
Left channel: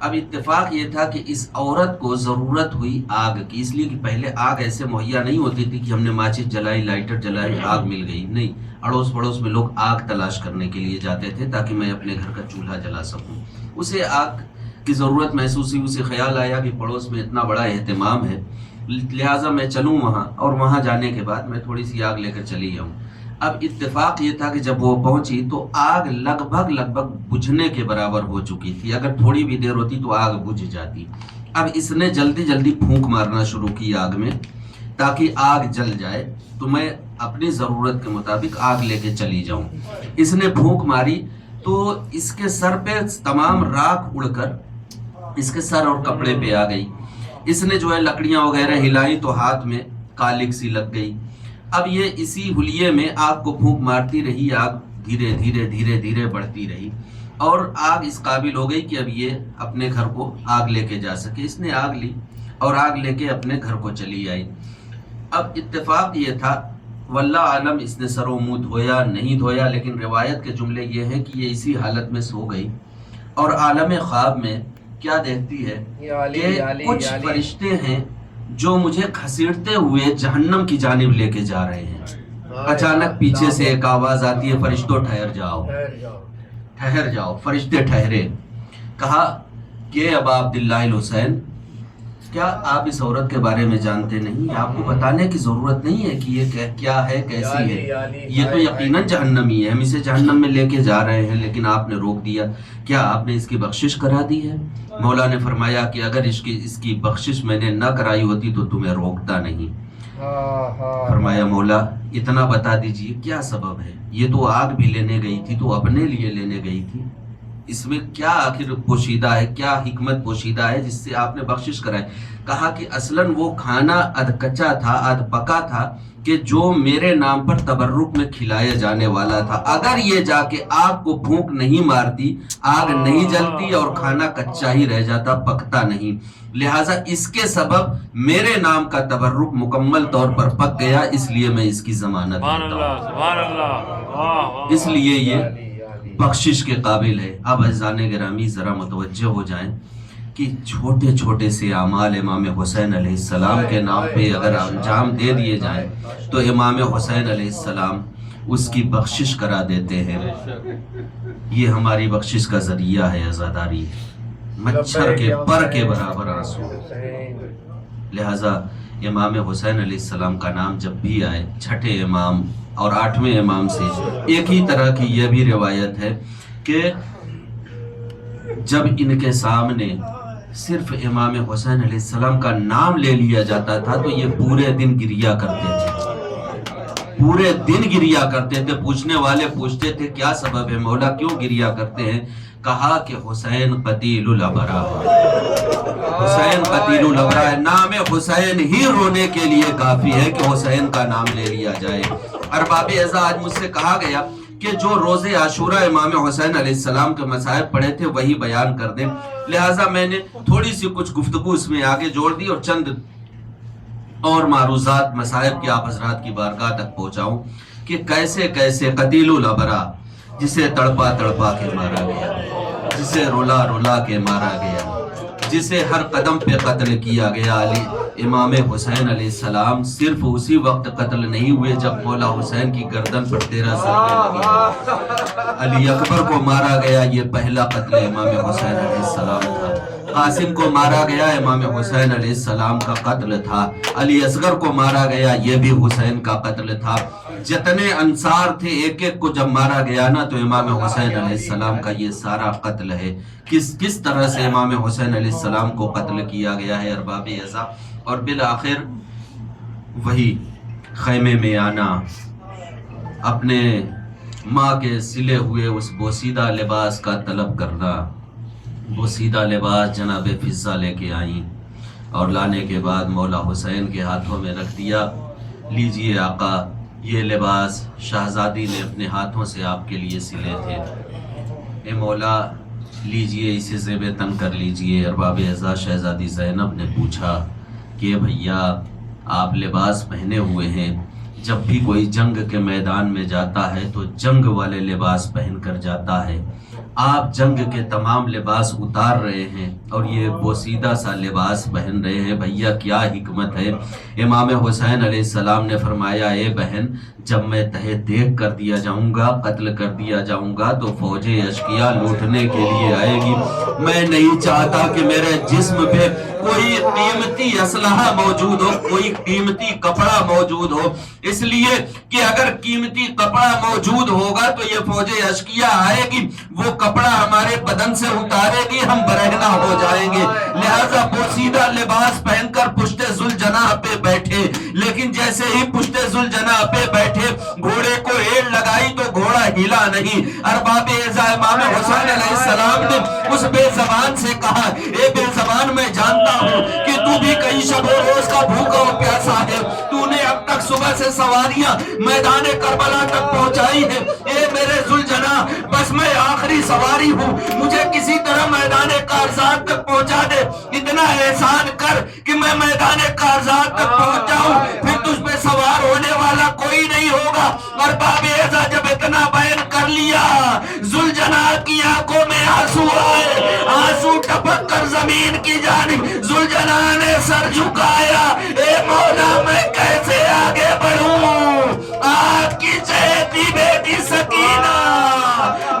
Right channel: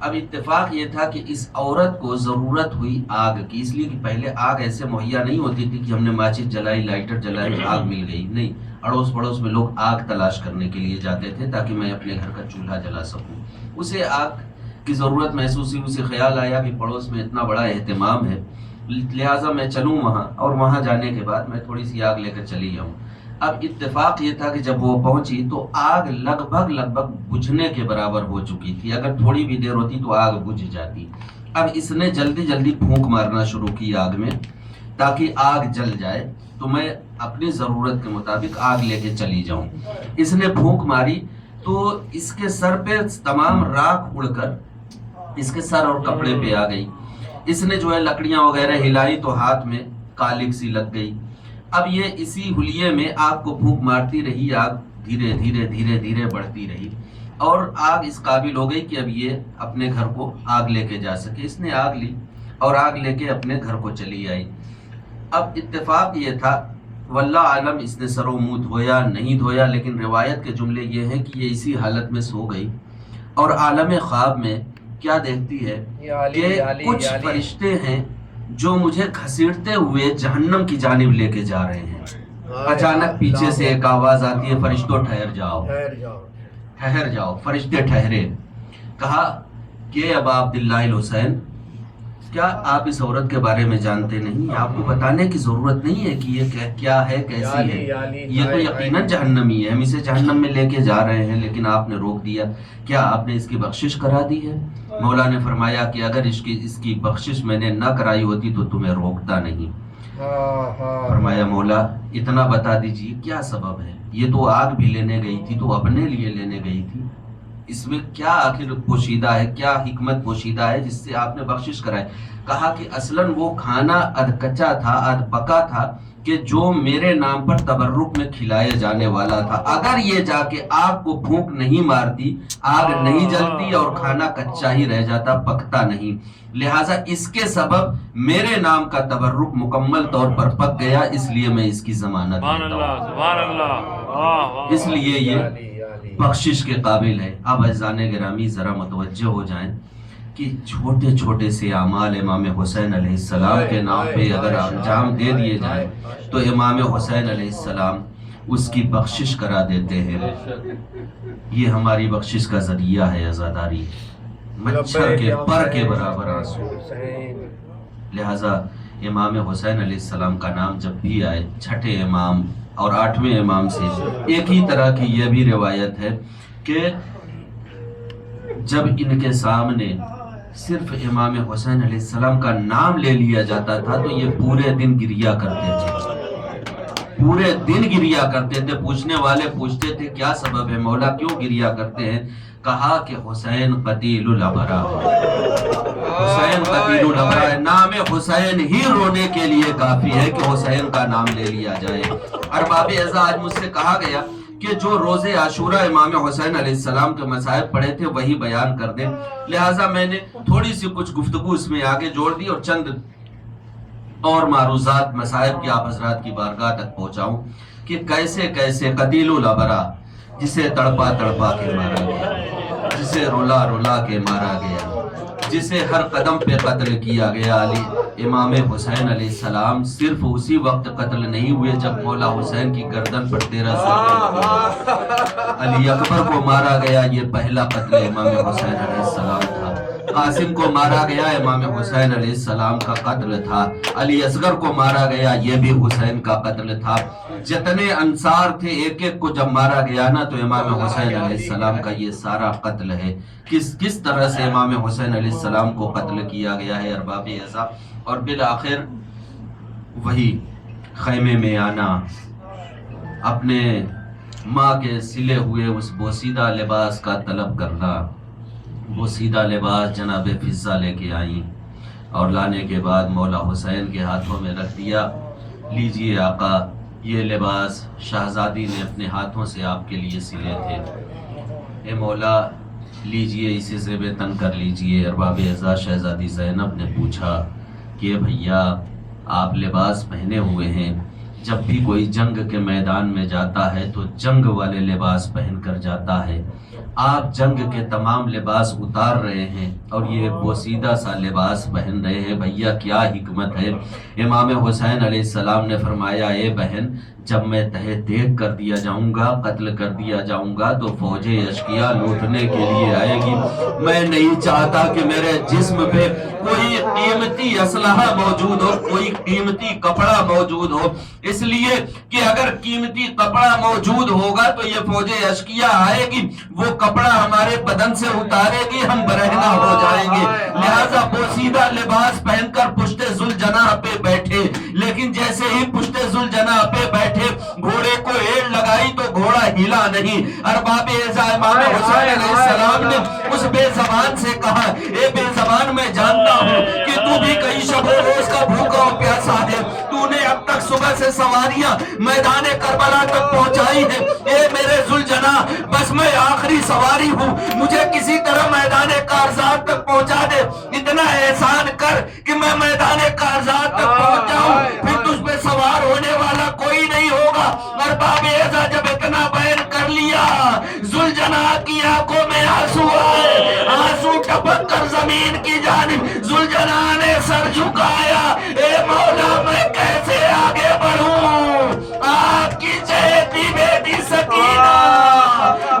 اب اتفاق یہ تھا کہ اس عورت کو ضرورت ہوئی آگ کی، اس لیے کہ پہلے آگ ایسے مہیا نہیں ہوتی تھی کہ ہم نے ماچس جلائی، لائٹر جلائی، آگ مل گئی، نہیں، اڑوس پڑوس میں لوگ آگ تلاش کرنے کے لیے جاتے تھے تاکہ میں اپنے گھر کا چولہا جلا سکوں. اسے آگ کی ضرورت محسوس ہوئی، اسے خیال آیا کہ پڑوس میں اتنا بڑا اہتمام ہے، لہٰذا میں چلوں وہاں، اور وہاں جانے کے بعد میں تھوڑی سی آگ لے کر چلی جاؤں. اب اتفاق یہ تھا کہ جب وہ پہنچی تو آگ لگ بھگ بجھنے کے برابر ہو چکی تھی. اگر تھوڑی بھی دیر ہوتی تو آگ بجھ جاتی. اب اس نے جلدی پھونک مارنا شروع کی آگ میں تاکہ آگ جل جائے تو میں اپنی ضرورت کے مطابق آگ لے کے چلی جاؤں. اس نے پھونک ماری تو اس کے سر پہ تمام راکھ اڑ کر اس کے سر اور کپڑے پہ آ گئی. اس نے جو ہے لکڑیاں وغیرہ ہلائی تو ہاتھ میں کالک سی لگ گئی. اب یہ اسی حلیے میں آگ کو پھونک مارتی رہی، آگ دھیرے بڑھتی رہی اور آگ اس قابل ہو گئی کہ اب یہ اپنے گھر کو آگ لے کے جا سکے. اس نے آگ لی اور آگ لے کے اپنے گھر کو چلی آئی. اب اتفاق یہ تھا، واللہ عالم اس نے سر و منہ دھویا نہیں دھویا، لیکن روایت کے جملے یہ ہیں کہ یہ اسی حالت میں سو گئی اور عالم خواب میں کیا دیکھتی ہے کہ کچھ فرشتے ہیں جو مجھے گھسیٹتے ہوئے جہنم کی جانب لے کے جا رہے ہیں. اچانک پیچھے سے ایک آواز آتی ہے، فرشتوں ٹھہر جاؤ. فرشتے ٹھہرے. کہا کہ ابا عبداللہ الحسین، کیا آپ اس عورت کے بارے میں جانتے نہیں؟ آپ کو بتانے کی ضرورت نہیں ہے کہ یہ کیا ہے، کیسی ہے. یہ تو یقیناً جہنمی ہے، ہم اسے جہنم میں لے کے جا رہے ہیں، لیکن آپ نے روک دیا. کیا آپ نے اس کی بخشش کرا دی ہے؟ مولا نے فرمایا کہ اگر اس کی بخشش میں نے نہ کرائی ہوتی تو تمہیں روکتا نہیں. فرمایا مولا اتنا بتا دیجئے کیا سبب ہے؟ یہ تو آگ بھی لینے گئی تھی تو اپنے لیے لینے گئی تھی، اس میں کیا آخر پوشیدہ ہے، کیا حکمت پوشیدہ ہے جس سے آپ نے بخشش کرائی؟ کہا کہ اصلاً وہ کھانا ادھ کچا تھا، ادھ پکا تھا کہ جو میرے نام پر تبرک میں کھلایا جانے والا تھا. اگر یہ جا کے آگ کو پھونک نہیں مارتی، آگ نہیں جلتی اور کھانا کچا ہی رہ جاتا، پکتا نہیں. لہٰذا اس کے سبب میرے نام کا تبرک مکمل طور پر پک گیا، اس لیے میں اس کی ضمانت سبحان اللہ، اس لیے یہ بخشش کے قابل ہے. اب عزیزان گرامی ذرا متوجہ ہو جائیں کہ چھوٹے سے اعمال امام حسین علیہ السلام کے نام پہ اگر انجام دے دیے جائیں تو امام حسین علیہ السلام اس کی بخشش کرا دیتے ہیں. یہ ہماری بخشش کا ذریعہ ہے عزاداری، مچھر کے پر کے برابر آنسو. لہذا امام حسین علیہ السلام کا نام جب بھی آئے، چھٹے امام اور 8ویں امام سے ایک ہی طرح کی یہ بھی روایت ہے کہ جب ان کے سامنے صرف امام حسین علیہ السلام کا نام لے لیا جاتا تھا تو یہ پورے دن گریا کرتے تھے. پوچھنے والے پوچھتے تھے کیا سبب ہے مولا، کیوں گریا کرتے ہیں؟ کہا کہ حسین قتیل الابرار، حسین قتیل الابرار. نام حسین ہی رونے کے لیے کافی ہے کہ حسین کا نام لے لیا جائے. ارباب اعزاز آج مجھ سے کہا گیا کہ جو روز عاشورہ امام حسین علیہ السلام کے مصائب پڑھے تھے وہی بیان کر دیں. لہٰذا میں نے تھوڑی سی کچھ گفتگو اس میں آگے جوڑ دی اور چند اور معروضات مصائب کے آپ حضرات کی بارگاہ تک پہنچاؤں کہ کیسے قتیل الابرا، جسے تڑپا کے مارا گیا، جسے رلا کے مارا گیا، جسے ہر قدم پہ قتل کیا گیا. علی امام حسین علیہ السلام صرف اسی وقت قتل نہیں ہوئے جب مولا حسین کی گردن پر 13 سلیں لگی. علی اکبر کو مارا گیا، یہ پہلا قتل امام حسین علیہ السلام تھا. قاسم کو مارا گیا، امام حسین علیہ السلام کا قتل تھا. علی اصغر کو مارا گیا، یہ بھی حسین کا قتل تھا. جتنے انصار تھے ایک ایک کو جب مارا گیا نا تو امام حسین علیہ السلام کا یہ سارا قتل ہے. کس طرح سے امام حسین علیہ السلام کو قتل کیا گیا ہے ارباب اعزا. اور بالآخر وہی خیمے میں آنا، اپنے ماں کے سلے ہوئے اس بوسیدہ لباس کا طلب کرنا. بوسیدہ لباس جناب فضہ لے کے آئیں اور لانے کے بعد مولا حسین کے ہاتھوں میں رکھ دیا. لیجئے آقا، یہ لباس شہزادی نے اپنے ہاتھوں سے آپ کے لیے سلے تھے. اے مولا لیجئے، اسے زیب تن کر لیجئے. ارباب اعزاز شہزادی زینب نے پوچھا کہ بھیا آپ لباس پہنے ہوئے ہیں، جب بھی کوئی جنگ کے میدان میں جاتا ہے تو جنگ والے لباس پہن کر جاتا ہے، آپ جنگ کے تمام لباس اتار رہے ہیں اور یہ بوسیدہ سا لباس پہن رہے ہیں. بھیا کیا حکمت ہے. امام حسین علیہ السلام نے فرمایا اے بہن جب میں تہہ دیکھ کر دیا جاؤں گا, قتل کر دیا جاؤں گا تو فوج اشقیاء لوٹنے کے لیے آئے گی. میں نہیں چاہتا کہ میرے جسم پہ کوئی قیمتی اسلحہ موجود ہو, کوئی قیمتی کپڑا موجود ہو, اس لیے کہ اگر قیمتی کپڑا موجود ہوگا تو یہ فوج اشقیاء آئے گی, وہ کپڑا ہمارے بدن سے اتارے گی, ہم برہنہ ہو جائیں گے. لہذا بوسیدہ لباس پہن کر پشت ذوالجناح پہ بیٹھے, لیکن جیسے ہی پشت ذوالجناح پہ بیٹھے گھوڑے کو ایڑ لگائی تو گھوڑا ہلا نہیں. ارباب اعزا امام حسین علیہ السلام نے اس بے زبان سے کہا اے بے زبان میں جانتا ہوں کہ تو بھی کئی شب و روز کا بھوکا و پیاسا ہے, تو نے اب تک صبح سے سواریاں میدان کربلا تک پہنچائی ہے. اے میرے ذوالجناح بس میں آخری سواری ہوں, مجھے کسی طرح میدان کارزات تک پہنچا دے. اتنا احسان کر کہ میں میدان کارزات تک پہنچ جاؤں, پھر تجھ پہ سوار ہونے والا کوئی نہیں ہوگا. ارباب اعزا جب اتنا بیان کر لیا ذوالجناح کی آنکھوں میں آنسو آئے, آنسو ٹپک کر زمین کی جانب ذوالجناح نے سر جھکایا. اے مولا میں کیسے آگے بڑھوں, آپ کی چہتی بیٹی سکینہ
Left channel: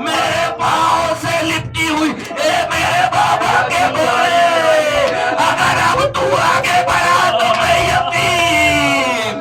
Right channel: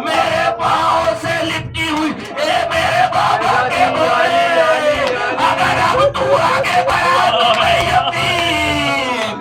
میرے پاؤں سے لپٹی ہوئی, اے میرے بابا کے بوئے اگر اب تو آگے بڑھا تو میں یتیم,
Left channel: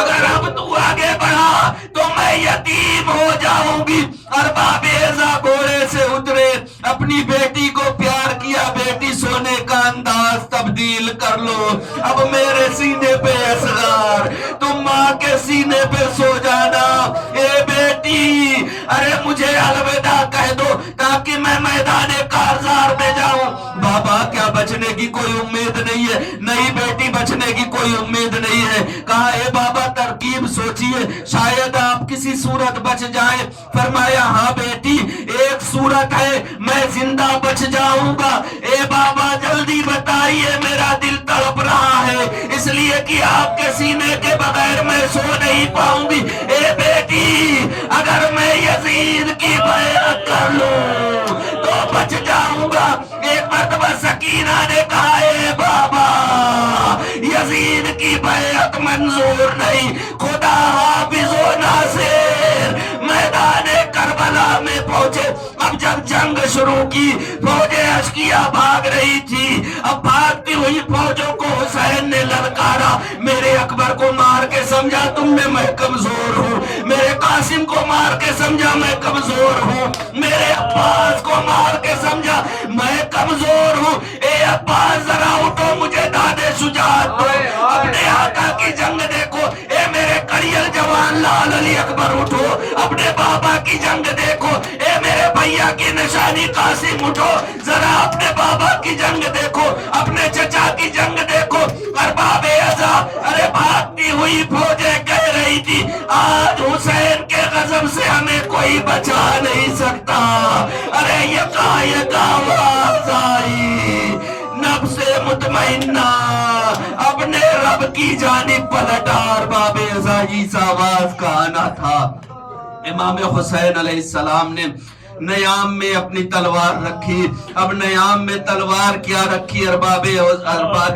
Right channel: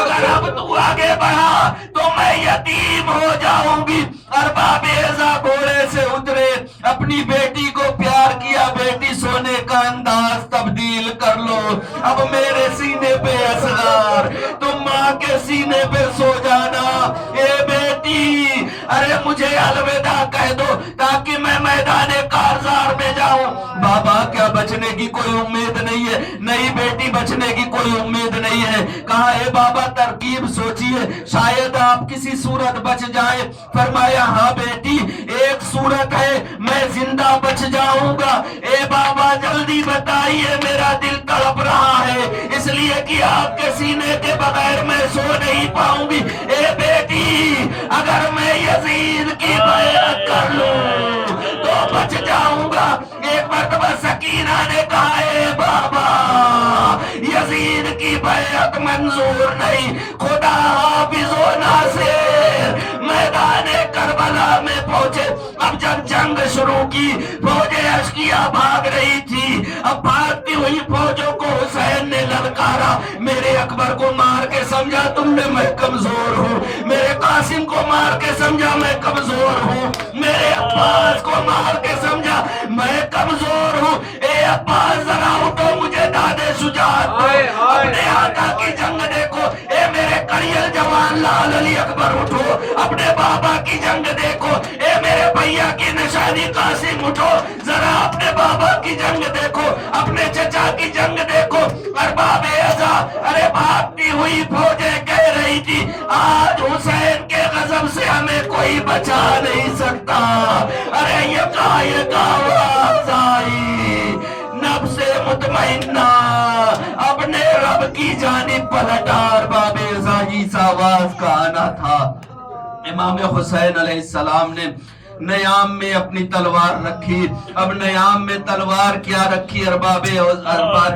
اگر اب تو آگے بڑھا تو میں یتیم ہو جاؤں گی. ارباب اعزا گھوڑے سے اترے, اپنی بیٹی کو پیار کیا, بیٹی سونے کا انداز تبدیل کر لو, اب میرے سینے پہ اصغر, تم ماں کے سینے پہ سو جانا. اے بیٹی ارے مجھے الوداع کہہ دو تاکہ میں میدان کارزار میں جاؤں. بابا کیا بچنے کی کوئی امید نہیں ہے؟ نہیں بیٹی بچنے کی کوئی امید نہیں ہے. کہا اے بابا ترکیب سوچئے, شاید آپ کسی صورت بچ جائیں. فرمایا ہاں بیٹی ایک صورت ہے, میں زندہ بچ جاؤں گا. اے بابا جلدی بتائیے, میرا دل تڑپ رہا ہے, اس لیے کہ آپ کے سینے کے بغیر میں سو نہیں پاؤں گی. اے بیٹی اگر میں یزید کی بیعت کر لوں تو بچ جاؤں گا. ایک مرتبہ سکینہ نے کہا اے بابا یزید کی بیعت منظور نہیں, خدا حافظ و ناصر. میدان کربلا میں پہنچے. اب جب جنگ شروع کی فوج اشقیاء بھاگ رہی تھی, اب بھاگتی ہوئی فوجوں کو حسین نے للکارا. میرے اکبر کو مار کے سمجھا تم نے میں کمزور ہوں, میرے قاسم کو مار کے سمجھا میں کمزور ہوں, میرے عباس کو مار کے سمجھا میں کمزور ہوں. اے عباس ذرا اٹھو, مجھے دادے شجاعت دو, اپنے آقا کی جنگ دیکھو. اے میرے کڑیل جوان لال علی اکبر اٹھو, اپنے بابا کی جنگ دیکھو. اے میرے بھیا کی نشانی قاسم اٹھو, ذرا اپنے بابا کی جنگ دیکھو, اپنے چچا کی جنگ دیکھو. ارباب اعزا ارے بھاگتی ہوئی فوجیں کہہ رہی تھی آج حسین کے غضب سے ہمیں کوئی بچا نہیں سکتا. ارے یہ آواز آئی, نفس مطمئنہ اپنے رب کی جانب پلٹا. ارباب اعزا اس آواز کا آنا تھا. امام حسین علیہ السلام نے نیام میں اپنی تلوار رکھی. اب نیام میں تلوار کیا رکھی, ارباب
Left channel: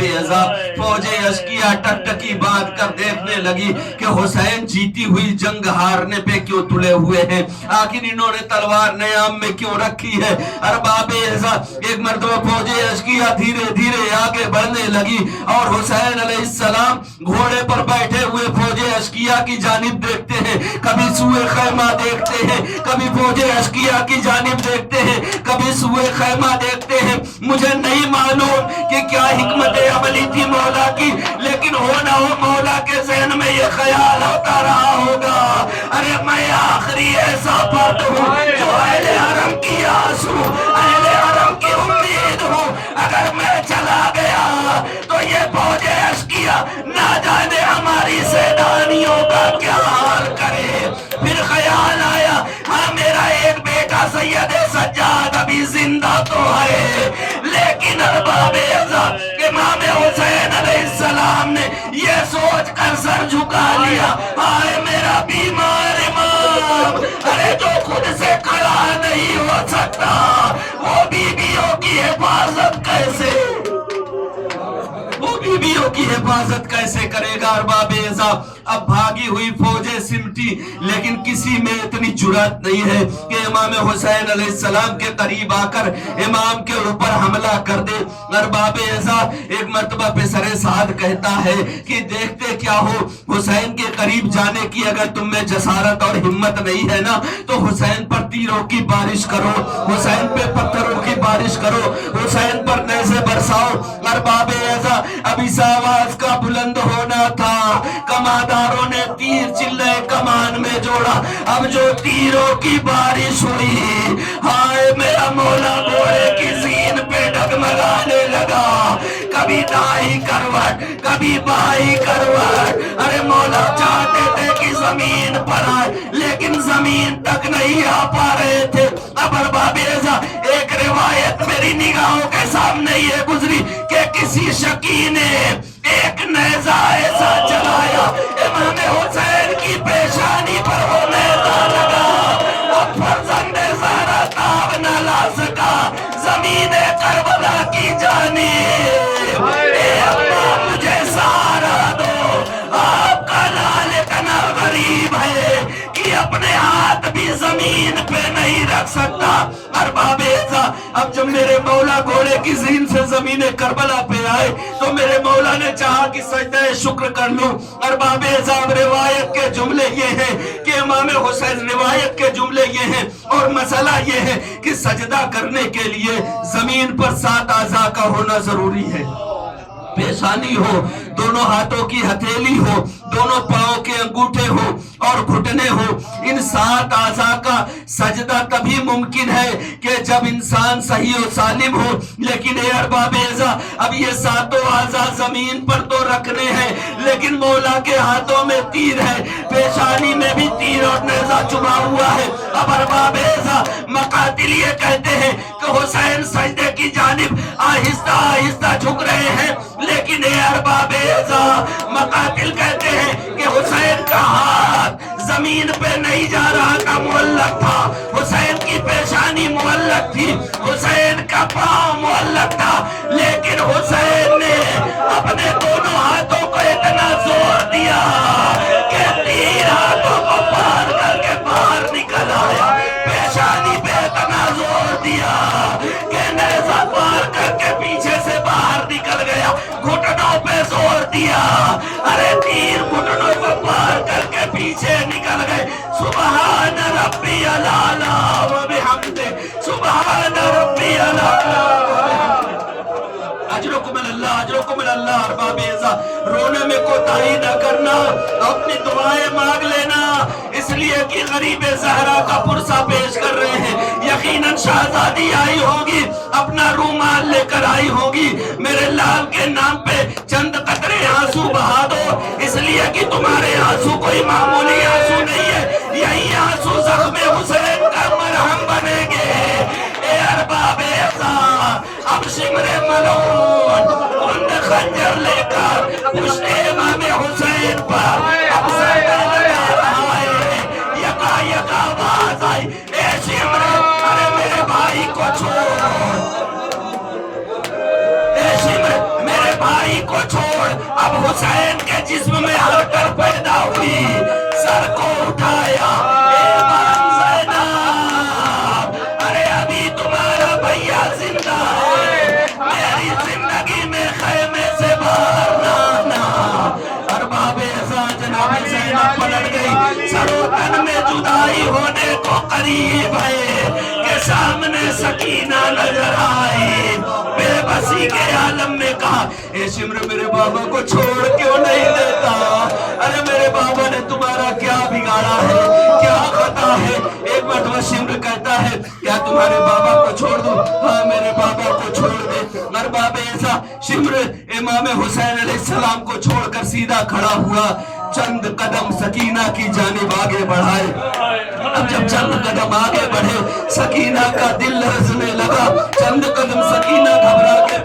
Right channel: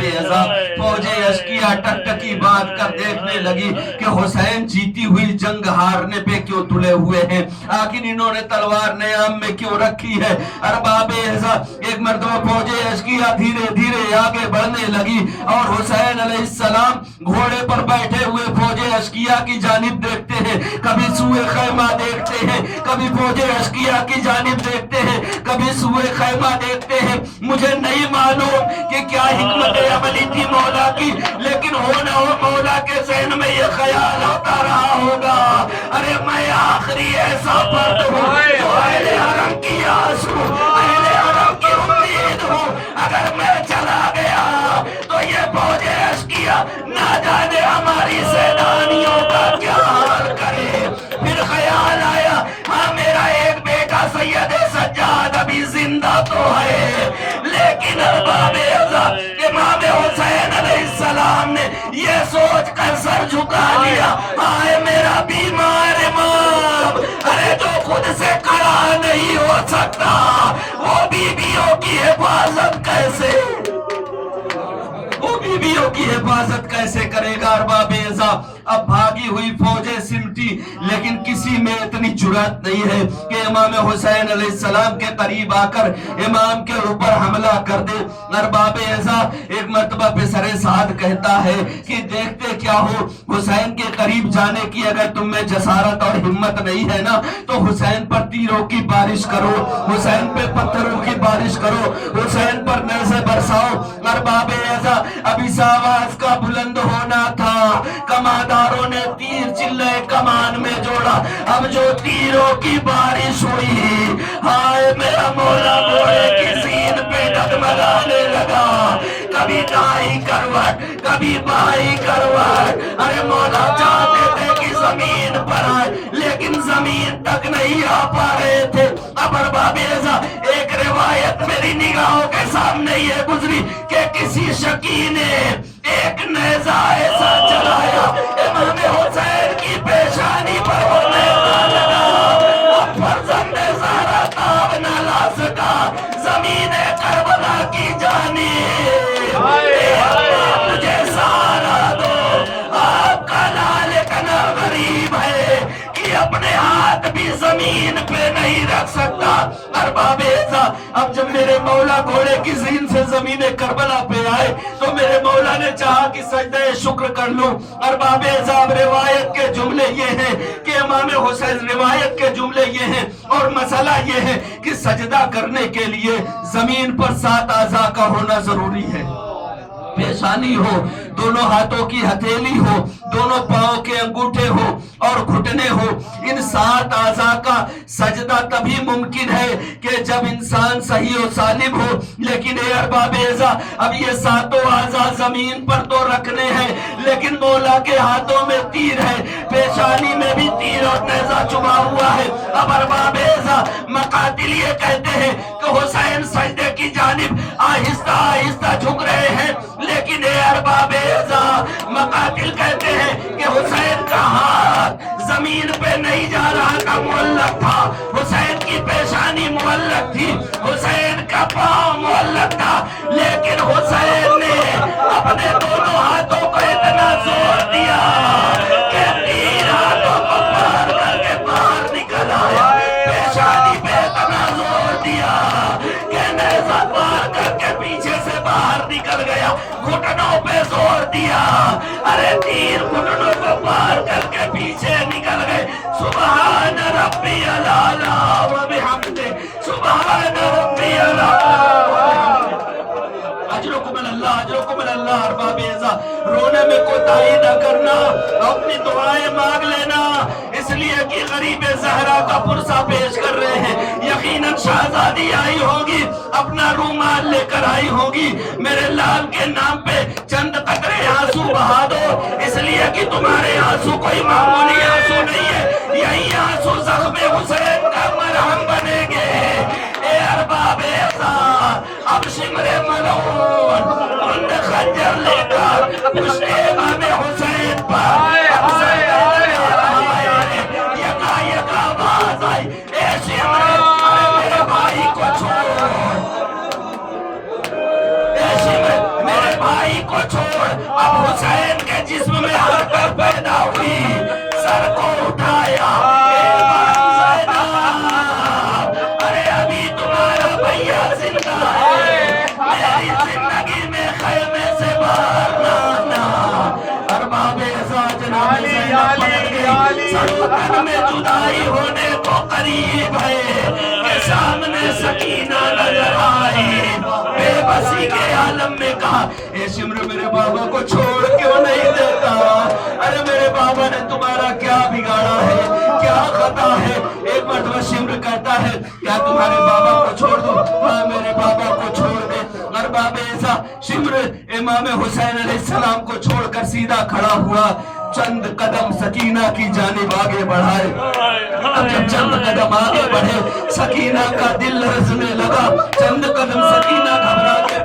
اعزا فوج اشقیاء ٹکٹکی باندھ کر دیکھنے لگی کہ حسین جیتی ہوئی جنگ ہارنے پہ کیوں تلے ہوئے ہیں, آخر انہوں نے تلوار نیام میں کیوں رکھی ہے. ارباب اعزا ایک مرتبہ فوج اشقیاء دھیرے دھیرے آگے بڑھنے لگی اور حسین علیہ السلام گھوڑے پر بیٹھے ہوئے فوج اشقیاء کی جانب دیکھتے ہیں, کبھی سوئے خیمہ دیکھتے ہیں, کبھی فوج اشقیاء کی جانب دیکھتے ہیں, کبھی سوئے خیمہ دیکھتے ہیں. مجھے نہیں معلوم کہ کیا حکمت عملی تھی مولا کی, لیکن ہو نہ ہو مولا کے ذہن میں یہ خیال ہوتا رہا ہوگا ارے میں آخری ایسا فرد ہوں جو اہل حرم کی آس ہوں, اہل حرم کی امید ہوں. اگر میں چلا گیا تو یہ فوج اشقیاء نہ جانے ہماری سیدانیوں کا کیا حال کرے. پھر خیال آیا ہاں میرا ایک بیٹا سید سجاد ابھی زندہ تو ہے, لیکن ارباب اعزا امام حسین علیہ السلام نے یہ سوچ کر سر جھکا لیا, آئے میرا بیمار امام, ارے جو خود سے کھڑا نہیں ہو سکتا، وہ بیویوں کی حفاظت کیسے، وہ بیویوں کی حفاظت کیسے کرے گا؟ ارباب اعزاز، اب بھاگی ہوئی فوجیں سمٹی، لیکن کسی میں اتنی جرات نہیں ہے کہ امام حسین علیہ السلام کے قریب آ کر امام کے اوپر حملہ کر دے۔ ارباب اعزاز، ایک مرتبہ پسر سعد کہتا ہے کہ دیکھتے کیا ہو، حسین کے قریب جانے کی اگر تم میں جسارت اور ہمت نہیں ہے نا تو حسین پر تیروں کی بارش کرو، حسین پہ پتھروں کی بارش کرو، حسین پر نیزے برساؤ۔ ارباب اعزاز، اب اس آواز کا بلند ہونا تھا، کمانداروں نے تیر چلے کمان میں جوڑا، اب جو تیروں کی بارش ہوئی، ہائے میرا مولا گھوڑے کی زین پہ ڈگمگانے لگا، کبھی دائیں کروٹ کبھی بائیں کروٹ۔ ارے مولا چاہتے تھے کہ زمین پر آئے لیکن زمین تک نہیں آ پا رہے تھے۔ اب ارباب اعزاز، ایک روایت میری نگاہوں کے سامنے یہ گزری کہ کسی شکی نے ایک نیزہ ایسا چلایا امام حسین کی پیشانی پر وہ نیزہ لگا، اب فرزند زہرا تاب نہ لا سکا زمین کربلا کی جانب، اے اللہ مجھے سہارا دو، آپ کا لال اتنا غریب ہے کہ اپنے ہاتھ بھی زمین پہ نہیں رکھ سکتا۔ ارباب اعزاز، اب جب میرے مولا گھوڑے کی زین سے زمین کربلا پہ آئے تو میرے مولا نے چاہا کہ سجدہ شکر کر لوں۔ ارباب اعزاز، روایت کے جملے یہ ہیں کہ امام حسین، روایت کے جملے یہ ہیں اور مسئلہ یہ ہے کہ سجدہ کرنے کے لیے زمین پر 7 اعضاء کا ہونا ضروری ہے، پیشانی ہو، دونوں ہاتھوں کی ہتھیلی ہو، دونوں پاؤں کے انگوٹھے ہو اور گھٹنے ہو۔ ان 7 اعضاء کا سجدہ تبھی ممکن ہے کہ جب انسان صحیح و سالم ہو، لیکن اے ارباب اعزاز، اب یہ 7 اعضاء زمین پر تو رکھنے ہیں لیکن مولا کے ہاتھوں میں تیر ہے، پیشانی میں بھی تیر اور نیزہ چبھا ہوا ہے۔ اب ارباب اعزاز، مقاتل یہ کہتے ہیں کہ حسین سجدے کی جانب آہستہ آہستہ جھک رہے ہیں، لیکن اے ارباب اعزاز، مقاتل کہتے ہیں کہ حسین کا ہاتھ زمین پہ نہیں جا رہا تھا، معلق تھا، حسین کی پیشانی معلق تھی، حسین کا پاؤں معلق تھا، لیکن حسین نے اپنے دونوں ہاتھوں کو اتنا زور دیا کہ تیر ہاتھوں کو پار کر کے باہر نکل آیا، پیشانی پہ اتنا زور دیا کہ نیزہ پار کر کے پیچھے سے باہر نکل گیا، گھٹنوں پہ زور دیا، ارے تیر گھٹنوں کو پار کر کے پیچھے نکل گئے۔ سبحان ربی العالی و بحمدہ، سبحان ربی العالی، اجرکم اللہ، اجرکم اللہ۔ ارباب اعزاز، رونے میں کوتاہی نہ کرنا، اپنی دعائیں مانگ لینا، اس لیے کہ غریب زہرا کا پرسہ پیش کر رہے ہیں، یقیناً شہزادی آئی ہوگی، اپنا رومال لے کر آئی ہوگی، میرے لال کے نام پہ چند قطرے آنسو بہا دو، اس لیے کہ تمہارے آنسو کوئی معمولی آنسو نہیں ہے، یہی آنسو زخم حسین کا مرہم بنے گے۔ اے ارباب اعزاز، اب شمر ملعون ان خنجر لے کر پشت امام حسین پر اب سردہ لگا رہا ہے، یکا یکا آواز آئی، اے شمر، ارے میرے بھائی کو چھوڑ، اے شمر میرے بھائی کو چھوڑ۔ اب حسین کے جسم میں حرکت پیدا ہوئی، سر کو اٹھایا، اے مان زینب، ارے ابھی تمہارا بھیا زندہ ہے، میری زندگی میں خیمے سے باہر نہ آنا۔ ارباب اعزاز، جناب زینب پلٹ گئی، سروتن میں جدائی ہونے کو قریب ہے کہ سامنے سکینہ نظر آئی، بے بسی کے عالم میں کہا، اے شمر میرے بابا کو چھوڑ کیوں نہیں دیتا؟ ارے میرے بابا نے تمہارا کیا بگاڑا ہے، کیا خطا ہے؟ ایک مرتبہ شمر کہتا ہے، کیا تمہارے بابا کو چھوڑ دوں؟ ہاں میرے بابا کو چھوڑ دے۔ ارباب اعزاز، شمر امام حسین علیہ السلام کو چھوڑ کر سیدھا کھڑا ہوا، چند قدم سکینہ کی جانب آگے بڑھائے۔ اب جب چند قدم آگے بڑھے، سکینہ کا دل لرزنے لگا، چند قدم سکینہ گھبرا کے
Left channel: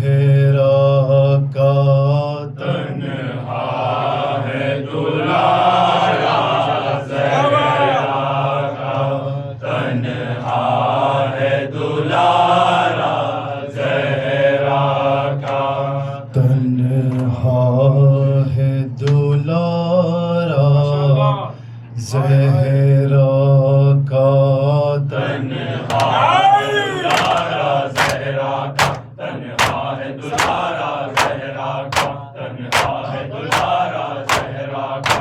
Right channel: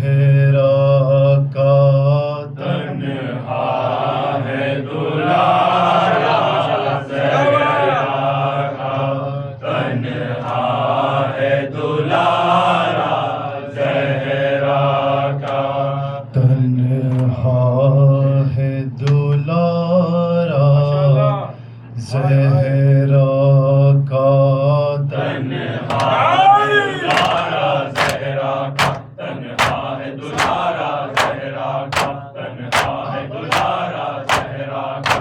زہرا کا تنہا ہے دلارا زہرا کا تنہا ہے دلارا زہرا کا تنہا ہے دلارا زہرا کا تنہا ہے دلارا زہرا کا تنہا ہے دلارا زہرا کا تنہا ہے دلارا زہرا کا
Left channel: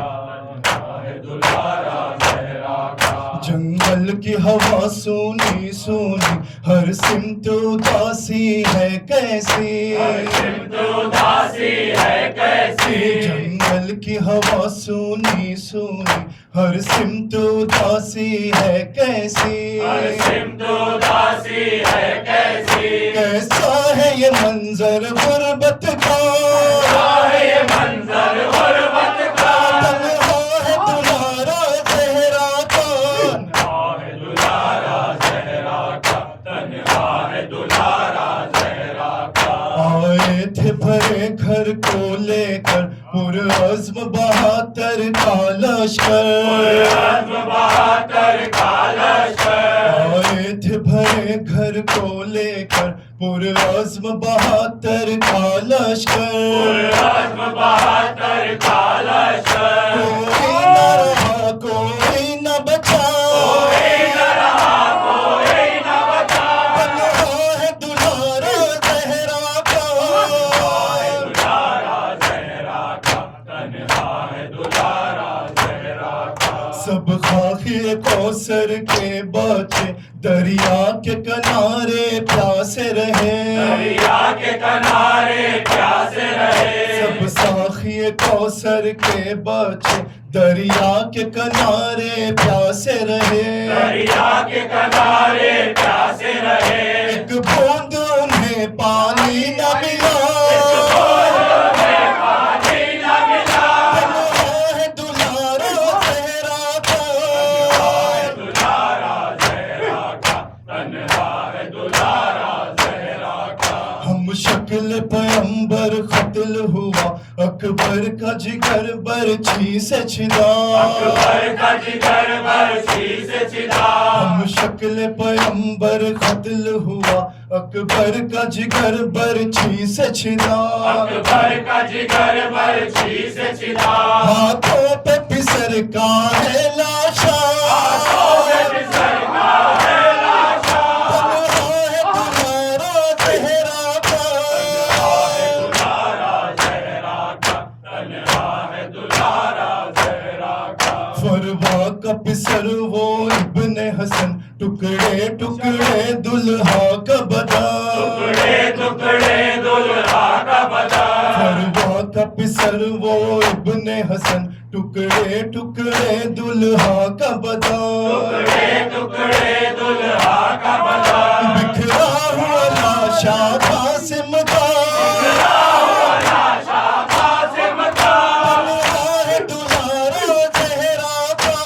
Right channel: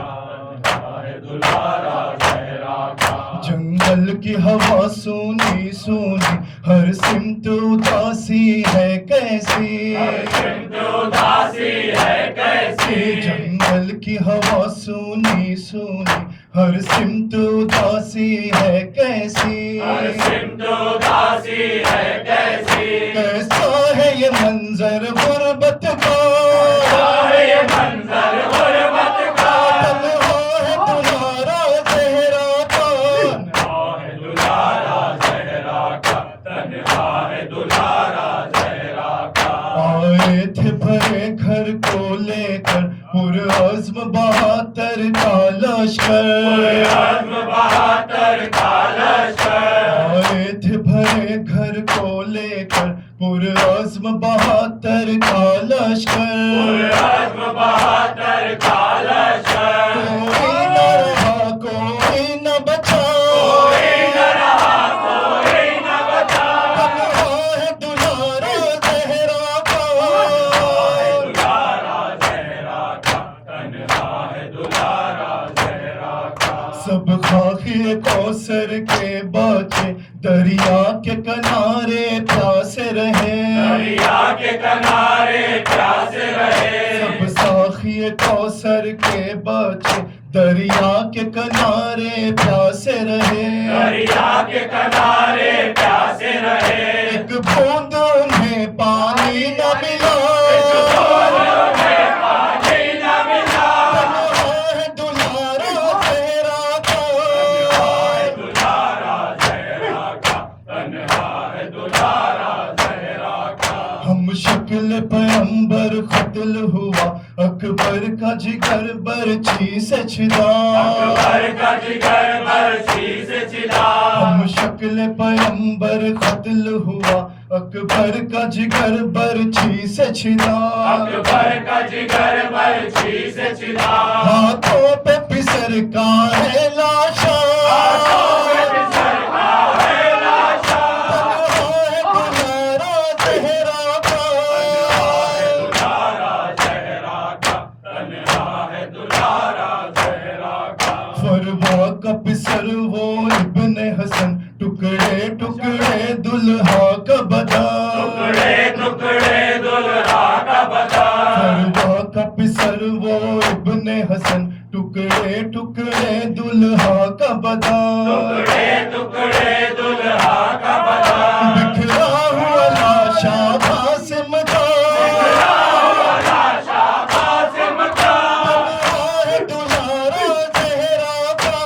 تنہا ہے دلارا زہرا کا جنگل کی ہوا سونی سونی ہر سمت اداسی ہے کیسی سمت اداسی ہے کیسی جنگل کی ہوا سونی سونی ہر سمت اداسی ہے کیسی سمت اداسی ہے کیسی کیسا ہے یہ منظر غربت کا ہے یہ منظر غربت کا تنہا ہے دلارا زہرا کا تنہا ہے دلارا زہرا کا تنہا ہے دلارا زہرا کا آئے تھے بھرے گھر کو لے کر پرعزم بہادر کا لشکر عزم بہادر کا لشکر آئے تھے بھرے گھر کو لے کر پرعزم بہادر کا لشکر عزم بہادر کا لشکر کوئی نہ رہا کوئی نہ بچا کوئی نہ رہا کوئی نہ بچا تنہا ہے دلارا زہرا کا دلارا زہرا کا تنہا ہے دلارا زہرا کا سب خاکی کوثر کے بچے دریا کے کنارے پیاسے رہے دریا کے کنارے پیاسے رہے سب ساخی کوثر کے بچے دریا کے کنارے پیاسے رہے دریا کے کنارے پیاسے رہے ایک بوند انہیں پانی نہ ملا پانی نہ ملا تنہا ہے دلارا زہرا کا دلارا زہرا کا تنہا ہے دلارا زہرا کا ہم شکل پیمبر قتل ہوا اکبر کا جگر برچھی سے چھدا اکبر کا جگر برچھی سے چھدا ہم شکل پیمبر قتل ہوا اکبر کا جگر برچھی سے چھدا اکبر کا جگر برچھی سے چھدا ہاتھوں پہ پسر کا ہے لاشا سرکا ہے لاشا تنہا ہے دلارا زہرا کا دلارا زہرا کا تنہا ہے دلارا زہرا کا فروا کا پسر وہ ابن حسن ٹکڑے ٹکڑے دلہا کا بدن ٹکڑے ٹکڑے دلہا کا بدن فروا کا پسر وہ ابن حسن ٹکڑے ٹکڑے دلہا کا بدن ٹکڑے ٹکڑے دلہا کا بدن بکھرا ہوا لاشا قاسم کا لاشا قاسم کا تنہا ہے دلارا زہرا کا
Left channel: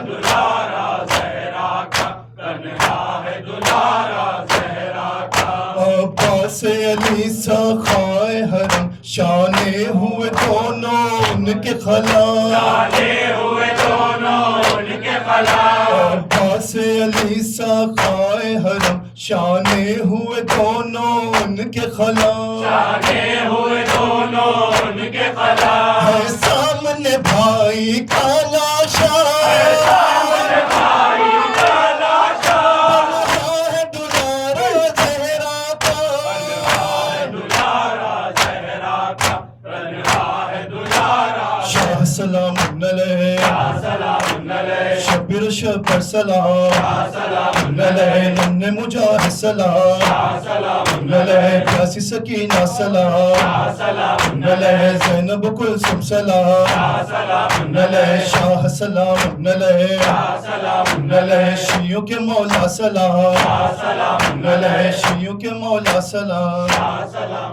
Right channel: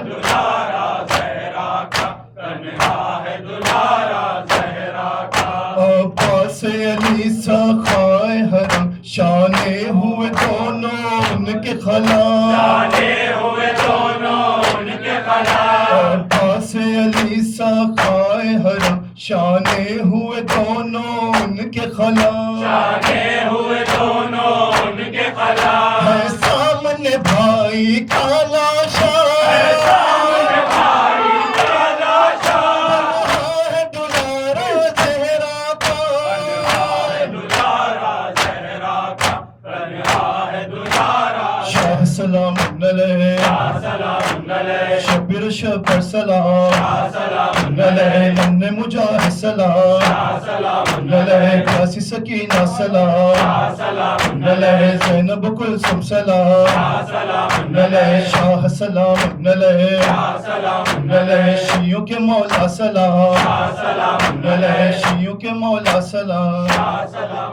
دلارا زہرا کا تنہا ہے دلارا زہرا کا عباس علی سخائے حرم شانے ہوئے دونوں ان کے خلا ڈالے ہوئے دونوں ان کے خلا عباس علی سخائے حرم شانے ہوئے دونوں ان کے خلا ڈالے ہوئے دونوں ان کے خلا ہے سامنے بھائی کا لاشا بھائی کا لاشا تنہا ہے دلارا زہرا کا دلارا زہرا کا تنہا ہے دلارا شاہ سلام علیہ سلام علیہ شبر شبر سلام سلام علیہ نن مجاہد سلام سلام علیہ پیاسی سکینہ سلام سلام علیہ زینب کلثوم سلام سلام علیہ شاہ سلام علیہ سلام علیہ شیعوں کے مولا سلام سلام علیہ شیعوں کے مولا سلام سلام